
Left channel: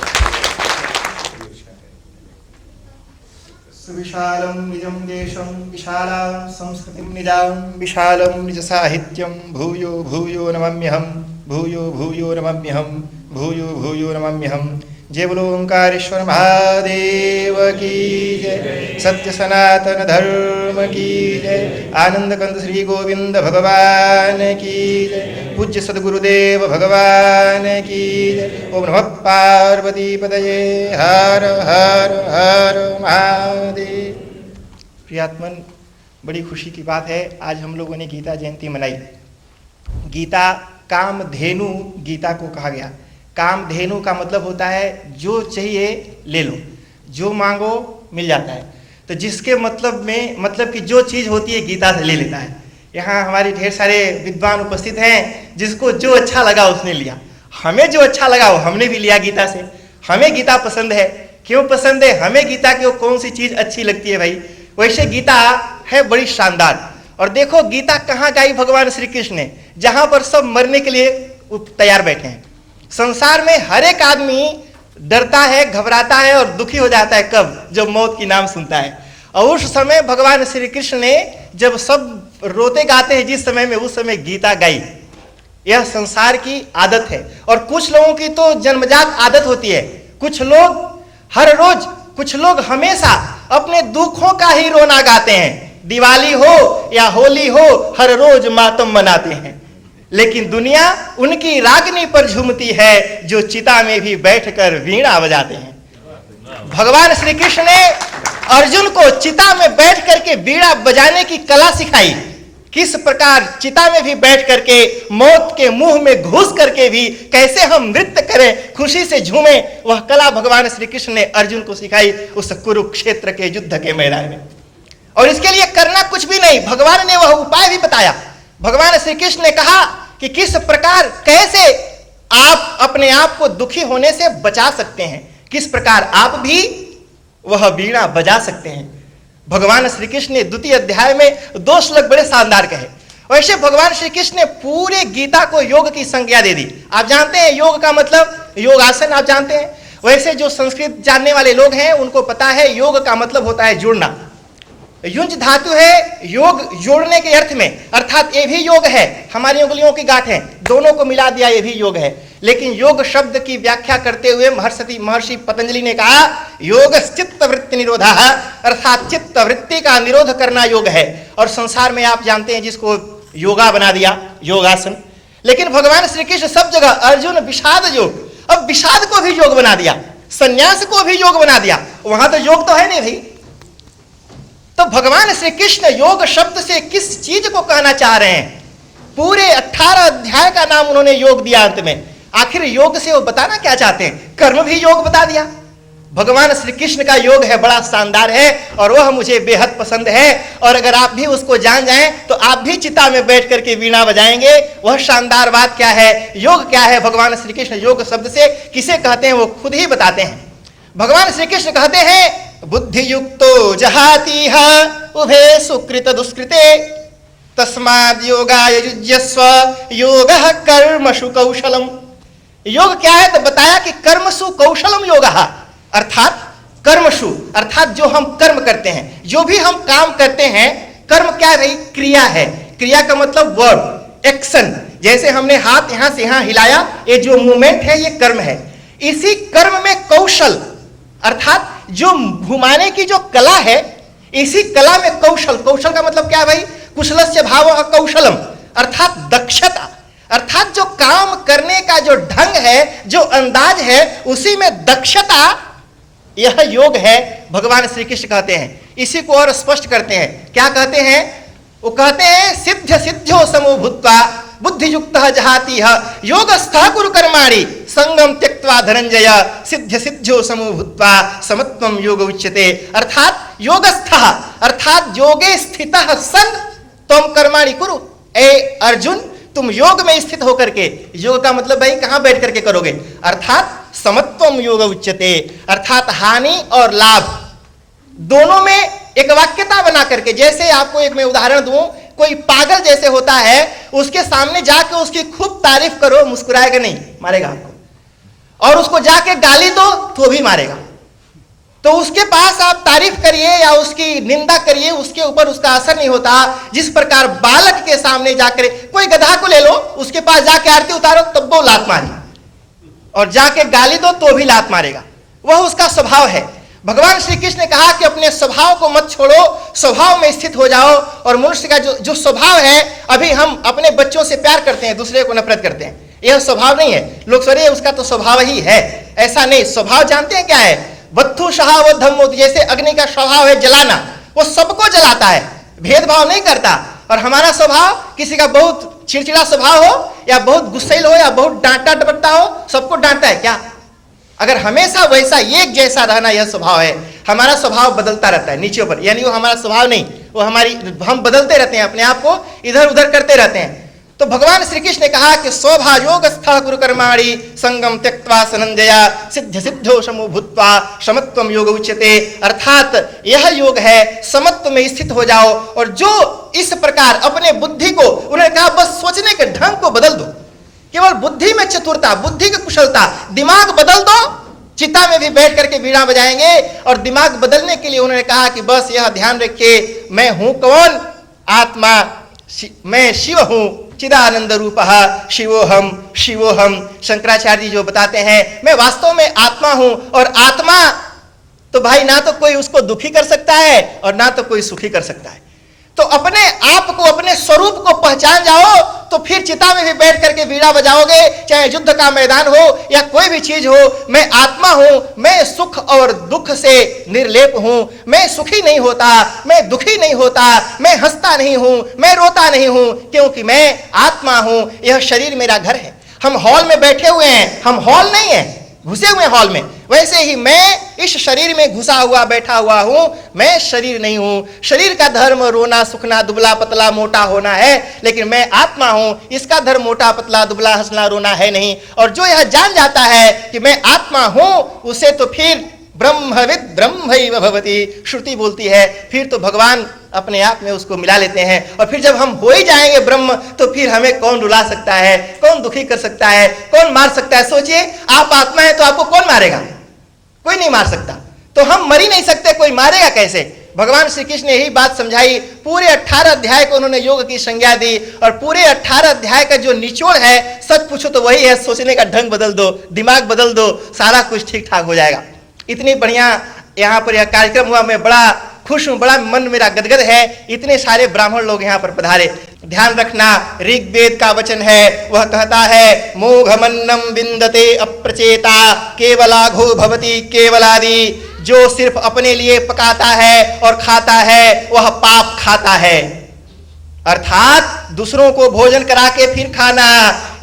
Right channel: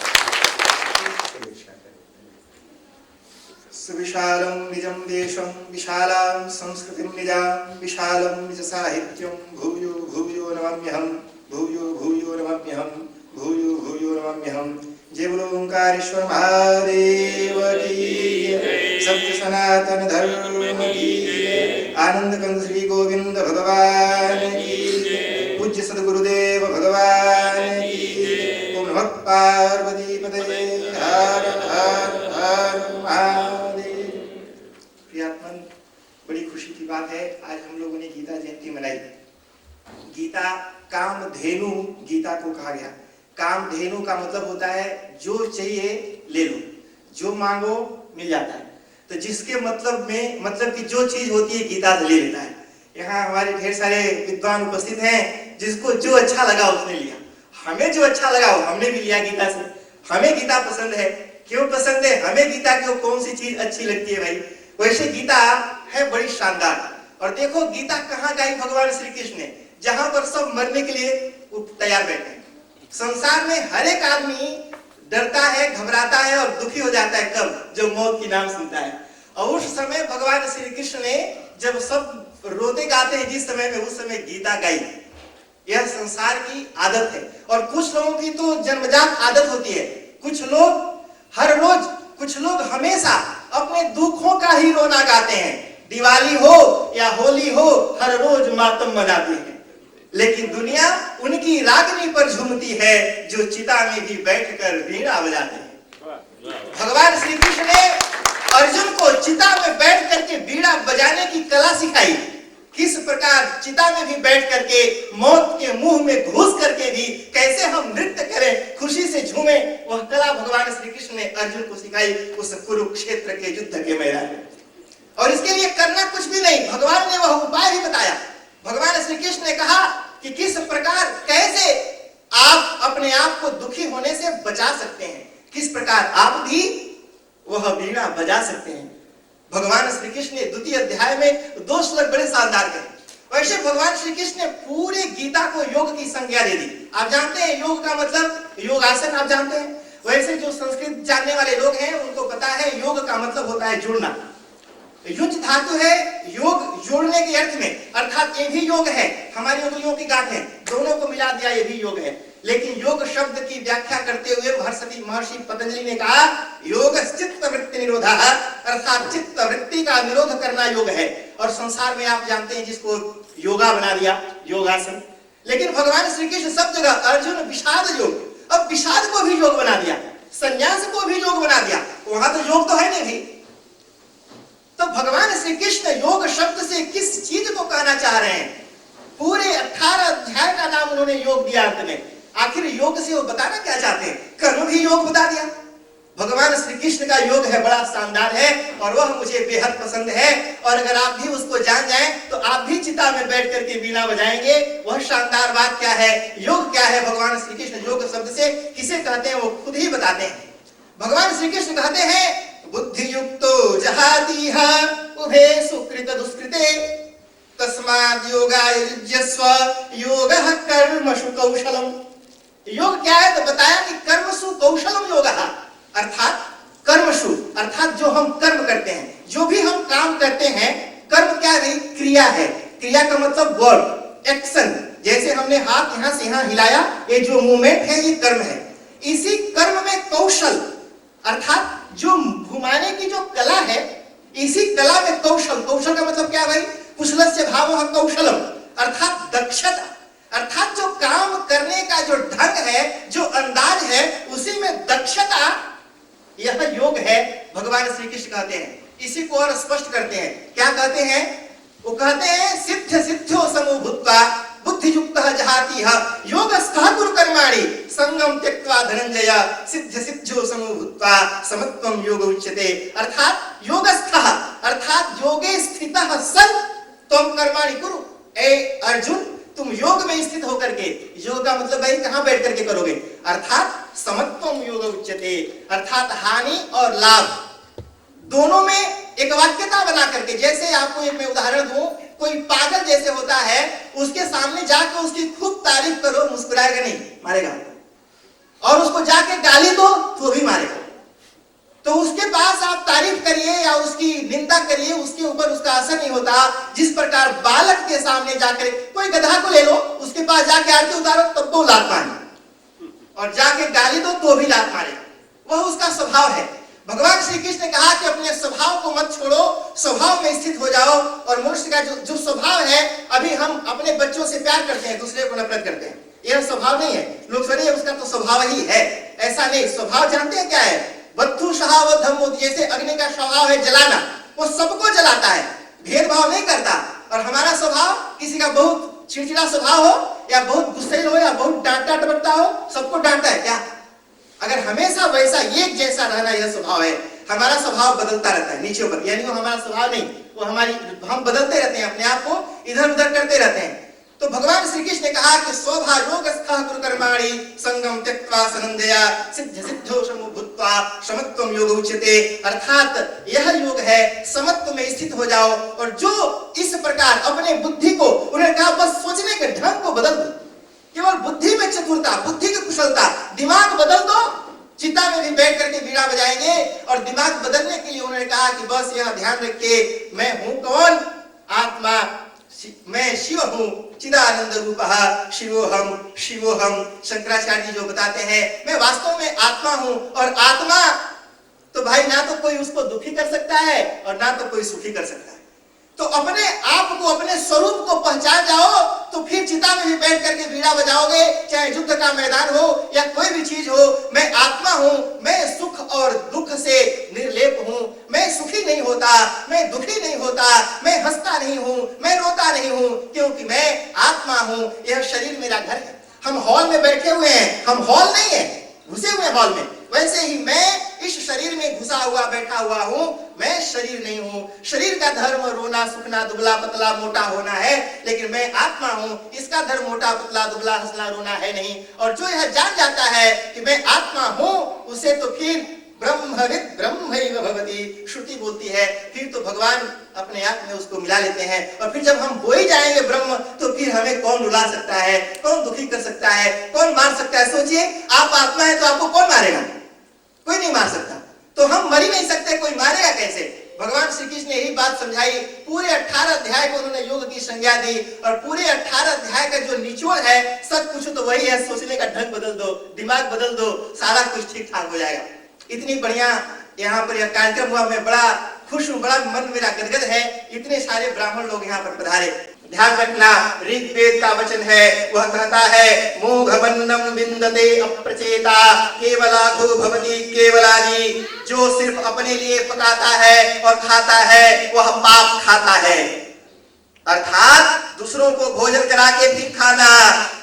सुविशालं निजं देशं विशालां संस्कृतिं निजां विशालं निज साहित्यं भूयो भूयो नमाम्यहं भूयो भूयो नमाम्यहं भूयो भूयो नमाम्यहं। जय बोलो ओंकारेश्वर महादेव की जय, सत्य सनातन धर्म की जय, आनंद कंद श्री गोविंद भगवान की जय, पूज्य सद्गुरुदेव भगवान की जय। ओम नमः पार्वती पतये, हर हर हर महादेव। प्रियात्मन, बड़ी खुशी की बात है, आज हम लोगों ने गीता जयंती मनाई। गीता कामधेनु गीता को कहा गया। कामधेनु का मतलब होता है जो चाहिए ले लो, जो मांगो मिल जाता है। तो जिसके मतलब कि जो चीज होती है गीता से ले लेता है। यहाँ हमारे ढेर सारे विद्वान उपस्थित हैं, जिसको जो अच्छा लगा उसने लिया। हमें जो अच्छा लगा वो हमने भी लिया गीता से। हमें गीता पसंद है। क्यों पसंद है? हमें गीता की कौन सी चीज अच्छी लगती है भाई। वैसे गीता है बड़ी शानदार। और देखो गीता कहाँ गाई भगवान श्री कृष्ण ने, जहां पर सब मरने के लिए तैयार बैठे हैं। संसार में हर एक आदमी डरता है, घबराता है और दुखी हो जाता है। कब? जब मौत की नाम सुनता है। और उस समय भगवान श्री कृष्ण ने जब सब रोते गाते हैं जिस समय में, उस समय गीता गाई। यह संसार की आदत है। और कुछ लोगों की तो जन्मजात आदत होती है। कुछ लोग हर रोज, कुछ लोग हमेशा अपने दुखों का ही रोना गाते हैं। दिवाली हो या होली हो, हर रोज मातम मनाते हैं। लेकिन दुनिया उनकी रागनी पर झूमती है जो चिता में भी बैठकर वीणा बजाते हैं। भगवान श्री कृष्ण ने अर्जुन को चिता में बैठ करके वीणा बजाने की कला सिखाई। किस प्रकार चिता में भी बैठ करके मौत के मुंह में घुस करके भी कैसे हम नृत्य करें, खुशी से झूमें, वह कला भगवान श्री कृष्ण ने अर्जुन को सिखाई उस कुरुक्षेत्र के युद्ध के मैदान में। और इसके लिए करना कुछ भी नहीं, भगवान ने वह उपाय भी बताया। भगवान श्री कृष्ण ने कहा कि किस प्रकार कैसे आप अपने आप को दुखी होने से बचा सकते हैं, किस प्रकार आप भी वह वीणा बजा सकते हैं। भगवान श्री कृष्ण ने द्वितीय अध्याय में 2 श्लोक बड़े शानदार कहे। वैसे भगवान श्री कृष्ण ने पूरे गीता को योग की संज्ञा दे दी। आप जानते हैं योग का मतलब योगासन, आप जानते हैं। वैसे जो संस्कृत जानने वाले लोग हैं उनको पता है योग का मतलब होता है जुड़ना। युंज धातु है योग, जोड़ने के अर्थ में, अर्थात ये भी योग है, हमारी उंगलियों की गांठें दोनों को मिला दिया, ये भी योग है। लेकिन योग शब्द की व्याख्या करते हुए महर्षि पतंजलि ने कहा योग चित्त वृत्ति निरोधा, अर्थात चित्त वृत्ति का निरोध करना योग है। और संसार में आप जानते हैं जिसको योगा बना दिया, योगासन। लेकिन भगवान श्री कृष्ण सब जगह अर्जुन विषाद योग, अब विषाद को भी योग बना दिया, संन्यास को भी योग बना दिया। वहां तो योग तो है नहीं भाई। तो भगवान श्री कृष्ण योग शब्द से किस चीज को कहना चाह रहे हैं? पूरे 18 अध्याय का नाम उन्होंने योग दिया अंत में। आखिर योग से वो बताना क्या चाहते हैं? कर्म भी योग बता दिया। भगवान श्री कृष्ण का योग है, बड़ा शानदार है और वह मुझे बेहद पसंद है। और अगर आप भी उसको जान जाएं तो आप भी चिता में बैठ करके वीणा बजाएंगे। वह शानदार बात क्या है, योग क्या है? भगवान श्री कृष्ण योग शब्द से किसे कहते हैं वो खुद ही बताते हैं। भगवान श्री कृष्ण कहते हैं बुद्धि युक्तो जहातीह उभे सुकृत दुष्कृते तस्माद् योगाय युज्यस्व योगः कर्मसु कौशलम। योग क्या है? तो बताया कि कर्मसु कौशलम योगः, अर्थात कर्मसु अर्थात जो हम कर्म करते हैं, जो भी हम काम करते हैं। कर्म क्या है? क्रिया है। क्रिया का मतलब वर्ब, एक्शन। जैसे हमने हाथ यहां से यहां हिलाया, ये जो मूवमेंट है ये कर्म है। इसी कर्म में कौशल अर्थात जो घुमाने की जो कला है, इसी कला में कौशल। कौशल का मतलब क्या है भाई? कुशलस्य भावः कौशलम, अर्थात दक्षता, अर्थात जो काम करने का जो ढंग है, जो अंदाज है, उसी में दक्षता, यह योग है। भगवान श्री कृष्ण कहते हैं। इसी को और स्पष्ट करते हैं। क्या कहते हैं? वो कहते हैं सिद्ध सिद्ध्यो समो भूत्वा बुद्धि युक्तः जहातीह योगस्थः कुरु कर्माणि संगम त्यक्त्वा धनंजय सिद्ध सिद्ध्यो समो भूत्वा समत्वम योग उच्यते। अर्थात योगस्थः अर्थात योगे स्थितः सन त्वं कर्माणि कुरु। ए अर्जुन, तुम योग में स्थित होकर के, योग का मतलब भाई कहां बैठ करके करोगे? अर्थात समत्वम योग उच्यते, अर्थात हानि और लाभ दोनों में एक वाक्यता बना करके। जैसे आपको एक मैं उदाहरण दूं, कोई पागल जैसे होता है, उसके सामने जाके उसकी खूब तारीफ करो, मुस्कुराएगा नहीं, मारेगा आपको। और उसको जाके गाली दो तो भी मारेगा। तो उसके पास आप तारीफ करिए या उसकी निंदा करिए, उसके ऊपर उसका असर नहीं होता। जिस प्रकार बालक के सामने जाकर, कोई गधा को ले लो, उसके पास जाके आरती उतारो तब वो लात मारेगा, और जाके गाली दो तो भी लात मारेगा। वह उसका स्वभाव है। भगवान श्री कृष्ण ने कहा कि अपने स्वभाव को मत छोड़ो, स्वभाव में स्थित हो जाओ। और मनुष्य का जो स्वभाव है, अभी हम अपने बच्चों से प्यार करते हैं, दूसरे को नफरत करते हैं, यह स्वभाव नहीं है। लोग सोचिए उसका तो स्वभाव ही है, ऐसा नहीं। स्वभाव जानते हैं क्या है? वत्थु शहावत धम्मो, जैसे अग्नि का स्वभाव है जलाना, वो सबको जलाता है, भेदभाव नहीं करता। और हमारा स्वभाव, किसी का बहुत चिड़चिड़ा स्वभाव हो या बहुत गुस्सैल हो या बहुत डांटा डपटता हो, सबको डांटता है क्या? अगर हमेशा वैसा एक जैसा रहना यह स्वभाव है। हमारा स्वभाव बदलता रहता है नीचे ऊपर, यानी वो हमारा स्वभाव नहीं, वो हम बदलते रहते हैं, अपने आप को इधर उधर करते रहते हैं। तो भगवान श्री कृष्ण ने कहा कि स्वभायोगस्थः कुरु कर्माणि संगम त्यक्त्वा सनंजया सिद्ध सिद्धो समो भूत्वा समत्वम योग उच्यते। अर्थात यह योग है, समत्व में स्थित हो जाओ। और जो इस प्रकार अपने बुद्धि को, उन्होंने कहा बस सोचने के ढंग को बदल दो, केवल बुद्धि में चतुरता, बुद्धि की कुशलता, दिमाग बदल दो। चिता में भी बैठ करके वीणा बजाएंगे। और दिमाग बदलने के लिए उन्होंने कहा कि बस यह ध्यान रखिए, मैं हूं कौन? आत्मा, मैं शिव हूं, चिदानंद रूपः शिवोहम शिवोहम। शंकराचार्य जी जो बताते हैं, मैं वास्तव में आत्मा हूं। और आत्मा तो भाई ना तो कोई उसको दुखी कर सकता है और ना तो कोई सुखी कर सकता है। तो अपने आप को, अपने स्वरूप को पहचान जाओ तो फिर चिता में भी बैठ करके बीड़ा बजाओगे, चाहे युद्ध का मैदान हो या कोई भी चीज हो। मैं आत्मा हूं, मैं सुख और दुख से निर्लेप हूं, मैं सुखी नहीं होता, मैं दुखी नहीं होता, मैं हंसता नहीं हूं, मैं रोता नहीं हूं, क्योंकि मैं आत्मा हूं। यह शरीर मेरा घर है। हम हॉल में बैठे हुए हैं, हम हॉल नहीं है, घुसे हुए हॉल में। वैसे ही मैं इस शरीर में घुसा हुआ बैठा हुआ हूं, मैं शरीर नहीं हूं। शरीर का धर्म रोना सूखना दुबला पतला मोटा होना है, लेकिन मैं आत्मा हूं, इसका धर्म मोटा पतला दुबला हंसना रोना है नहीं। और जो यह जान जाता है कि मैं आत्मा हूं, उसे तो फिर ब्रह्मविद ब्रह्मैव भवति श्रुति बोलती है, फिर तो भगवान अपने आप में उसको मिला लेते हैं। और फिर जब हम हो ही जाएंगे ब्रह्म, तो फिर हमें कौन रुला सकता है, कौन दुखी कर सकता है, कौन मार सकता है। सोचिए, आप आत्मा है तो आपको कौन मारेगा? कोई नहीं मार सकता। तो हम मर ही नहीं सकते, कोई मारेगा कैसे? भगवान श्री कृष्ण ने यही बात समझाई। पूरे 18 अध्याय को उन्होंने योग की संज्ञा दी, और पूरे 18 अध्याय का जो निचोड़ है, सच पूछो तो वही है, सोचने का ढंग बदल दो, दिमाग बदल दो, सारा कुछ ठीक ठाक हो जाएगा। इतनी बढ़िया यहाँ पर यह कार्यक्रम हुआ, मैं बड़ा खुश हूं, बड़ा मन मेरा गदगद है। इतने सारे ब्राह्मण लोग यहाँ पर पधारे। ध्यान रखना, ऋग्वेद का वचन है, वह कहता है मोघमन्नम विन्दते अप्रचेता केवलाघो भवति केवलादि। जो सिर्फ अपने लिए पकाता है और खाता है, वह पाप खाता है। अर्थात दूसरों को भोजन करा के फिर खाना,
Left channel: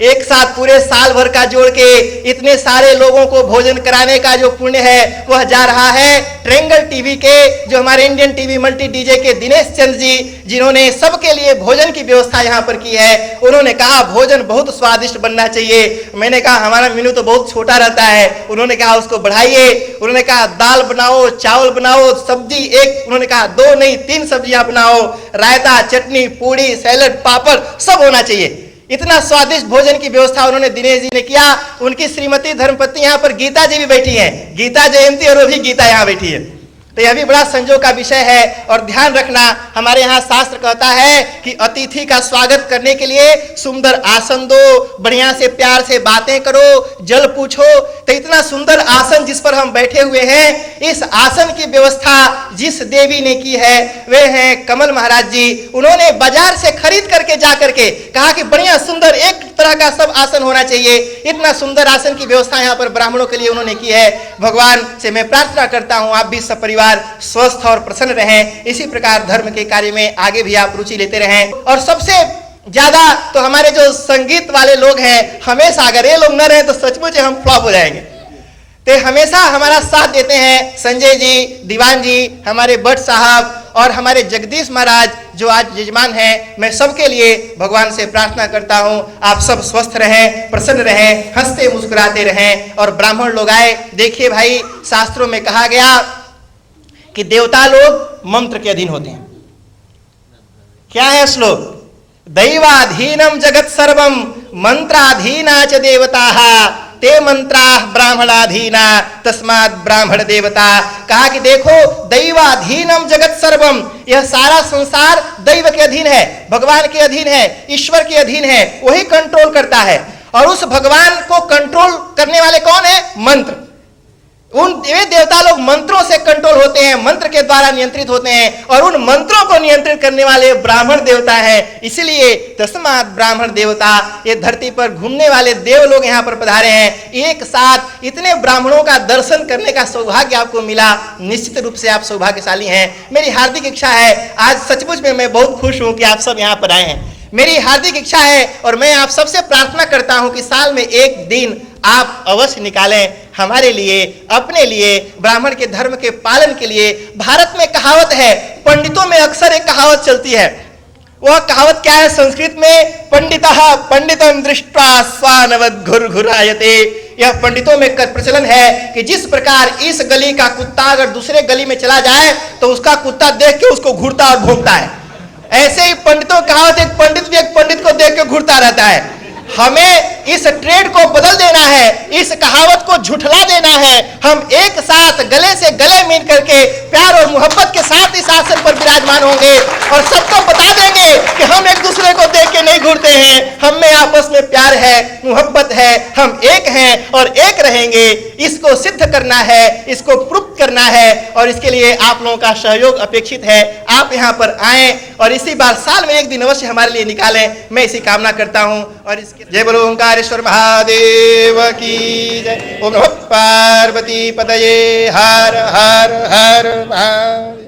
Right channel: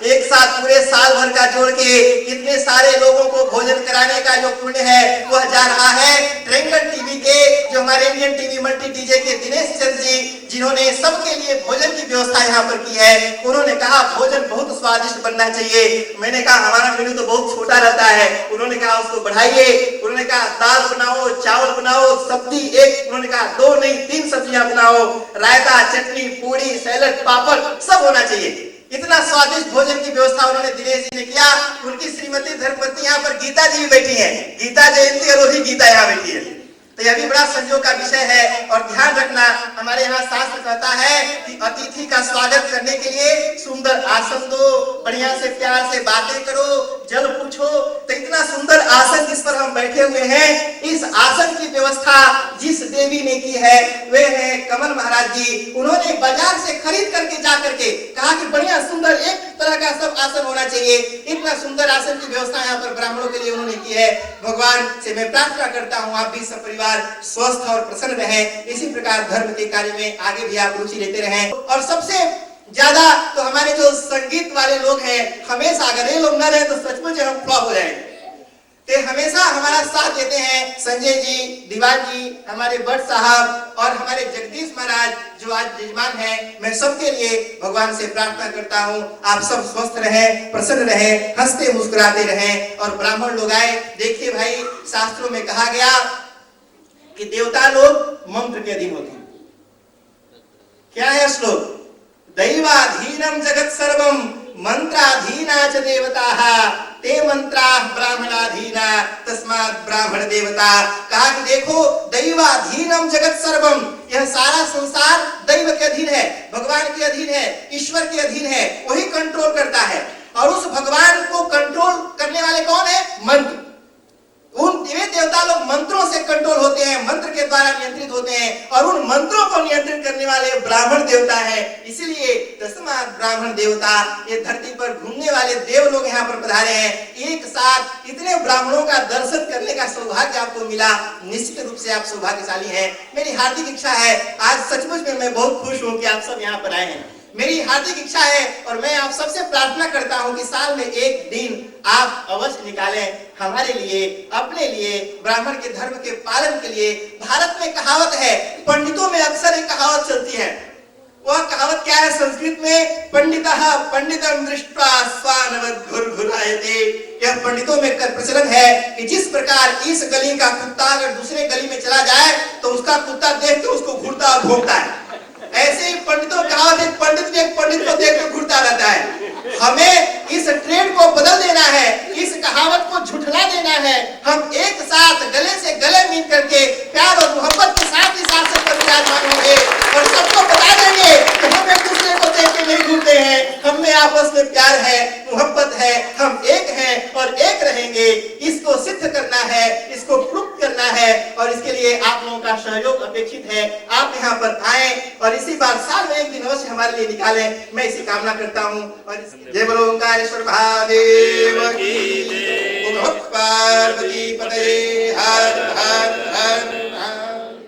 एक साथ पूरे साल भर का जोड़ के इतने सारे लोगों को भोजन कराने का जो पुण्य है, वह जा रहा है ट्रायंगल टीवी के, जो हमारे इंडियन टीवी मल्टी डीजे के दिनेश चंद जी, जिन्होंने सबके लिए भोजन की व्यवस्था यहाँ पर की है। उन्होंने कहा भोजन बहुत स्वादिष्ट बनना चाहिए। मैंने कहा हमारा मेनू तो बहुत छोटा रहता है। उन्होंने कहा उसको बढ़ाइए। उन्होंने कहा दाल बनाओ, चावल बनाओ, सब्जी एक, उन्होंने कहा 2 नहीं 3 सब्जियां बनाओ, रायता, चटनी, पूड़ी, सैलड, पापड़ सब होना चाहिए। इतना स्वादिष्ट भोजन की व्यवस्था उन्होंने दिनेश जी ने किया। उनकी श्रीमती धर्मपत्नी यहाँ पर गीता जी भी बैठी हैं, गीता जयंती और वो भी गीता यहाँ बैठी है। तो यह भी बड़ा संजोग का विषय है। और ध्यान रखना, हमारे यहाँ शास्त्र कहता है कि अतिथि का स्वागत करने के लिए सुंदर आसन दो, बढ़िया से प्यार से बातें करो, जल पूछो। तो इतना सुंदर आसन जिस पर हम बैठे हुए हैं, इस आसन की व्यवस्था जिस देवी ने की है, वे हैं कमल महाराज जी। उन्होंने बाजार से खरीद करके जा करके कहा कि बढ़िया सुंदर एक तरह का सब आसन होना चाहिए। इतना सुंदर आसन की व्यवस्था यहाँ पर ब्राह्मणों के लिए उन्होंने की है। भगवान से मैं प्रार्थना करता हूँ आप भी सब परिवार स्वस्थ और प्रसन्न रहें। इसी प्रकार धर्म के कार्य में आगे भी आप रुचि लेते रहें। और सबसे ज्यादा तो हमारे जो संगीत वाले लोग हैं, हमेशा अगर ये लोग न रहे तो सचमुच हम फ्लॉप हो जाएंगे। ते हमेशा हमारा साथ देते हैं संजय जी, दीवान जी, हमारे भट्ट साहब और हमारे जगदीश महाराज जो आज यजमान हैं। मैं सबके लिए भगवान से प्रार्थना करता हूं आप सब स्वस्थ रहें, प्रसन्न रहें, हंसते मुस्कुराते रहें। और ब्राह्मण लोग आए। देखिए भाई, शास्त्रों में कहा गया कि देवता लोग मंत्र के अधीन होते हैं। क्या है श्लोक? दैवाधीनम जगत सर्वम मंत्राधीना च देवताः ते मंत्रा ब्राह्मणाधीना तस्मात् ब्राह्मण देवता। कहा कि देखो, दैवाधीनम जगत सर्वम, यह सारा संसार दैव के अधीन है, भगवान के अधीन है, ईश्वर के अधीन है, वही कंट्रोल करता है। और उस भगवान को कंट्रोल करने वाले कौन है? मंत्र। उन देवता लोग मंत्रों से कंट्रोल होते हैं, मंत्र के द्वारा नियंत्रित होते हैं। और उन मंत्रों को नियंत्रित करने वाले ब्राह्मण देवता हैं। इसलिए तस्मात् ब्राह्मण देवता, ये धरती पर घूमने वाले देव लोग यहाँ पर पधारे हैं। एक साथ इतने ब्राह्मणों का दर्शन करने का सौभाग्य आपको मिला, निश्चित रूप से आप सौभाग्यशाली हैं। मेरी हार्दिक इच्छा है, आज सचमुच में मैं बहुत खुश हूं कि आप सब यहाँ पर आए हैं। मेरी हार्दिक इच्छा है और मैं आप सबसे प्रार्थना करता हूं कि साल में एक दिन आप अवश्य निकालें हमारे लिए, अपने लिए, ब्राह्मण के धर्म के पालन के लिए। भारत में कहावत है, पंडितों में अक्सर एक कहावत चलती है। वह कहावत क्या है संस्कृत में? पंडितः पंडितम दृष्ट्वा स्वानवद घुरघुरायते। यह पंडितों में प्रचलन है कि जिस प्रकार इस गली का कुत्ता अगर दूसरे गली में चला जाए तो उसका कुत्ता देख के उसको घूरता और घूमता है, ऐसे ही पंडितों कहावत, एक पंडित भी एक पंडित को देख के घूरता रहता है। हमें इस ट्रेंड को बदल देना है, इस कहावत को झुठला देना है। हम एक साथ गले से गले मिल करके प्यार और मोहब्बत के साथ इस आसन पर विराजमान होंगे। और सबको बता देंगे कि हम एक दूसरे को देख के नहीं घूरते हैं, हम में आपस में प्यार है, मोहब्बत है, हम एक हैं और एक रहेंगे। इसको सिद्ध करना है, इसको प्रूव करना है और इसके लिए आप लोगों का सहयोग अपेक्षित है। आप यहाँ पर आए और इसी बार साल में एक दिन अवश्य हमारे लिए निकालें, मैं इसी कामना करता हूँ। और इसके जय बोलो ओंकारेश्वर महादेव की जय। ओम नमः पार्वती पतये हर हर हर महादेव।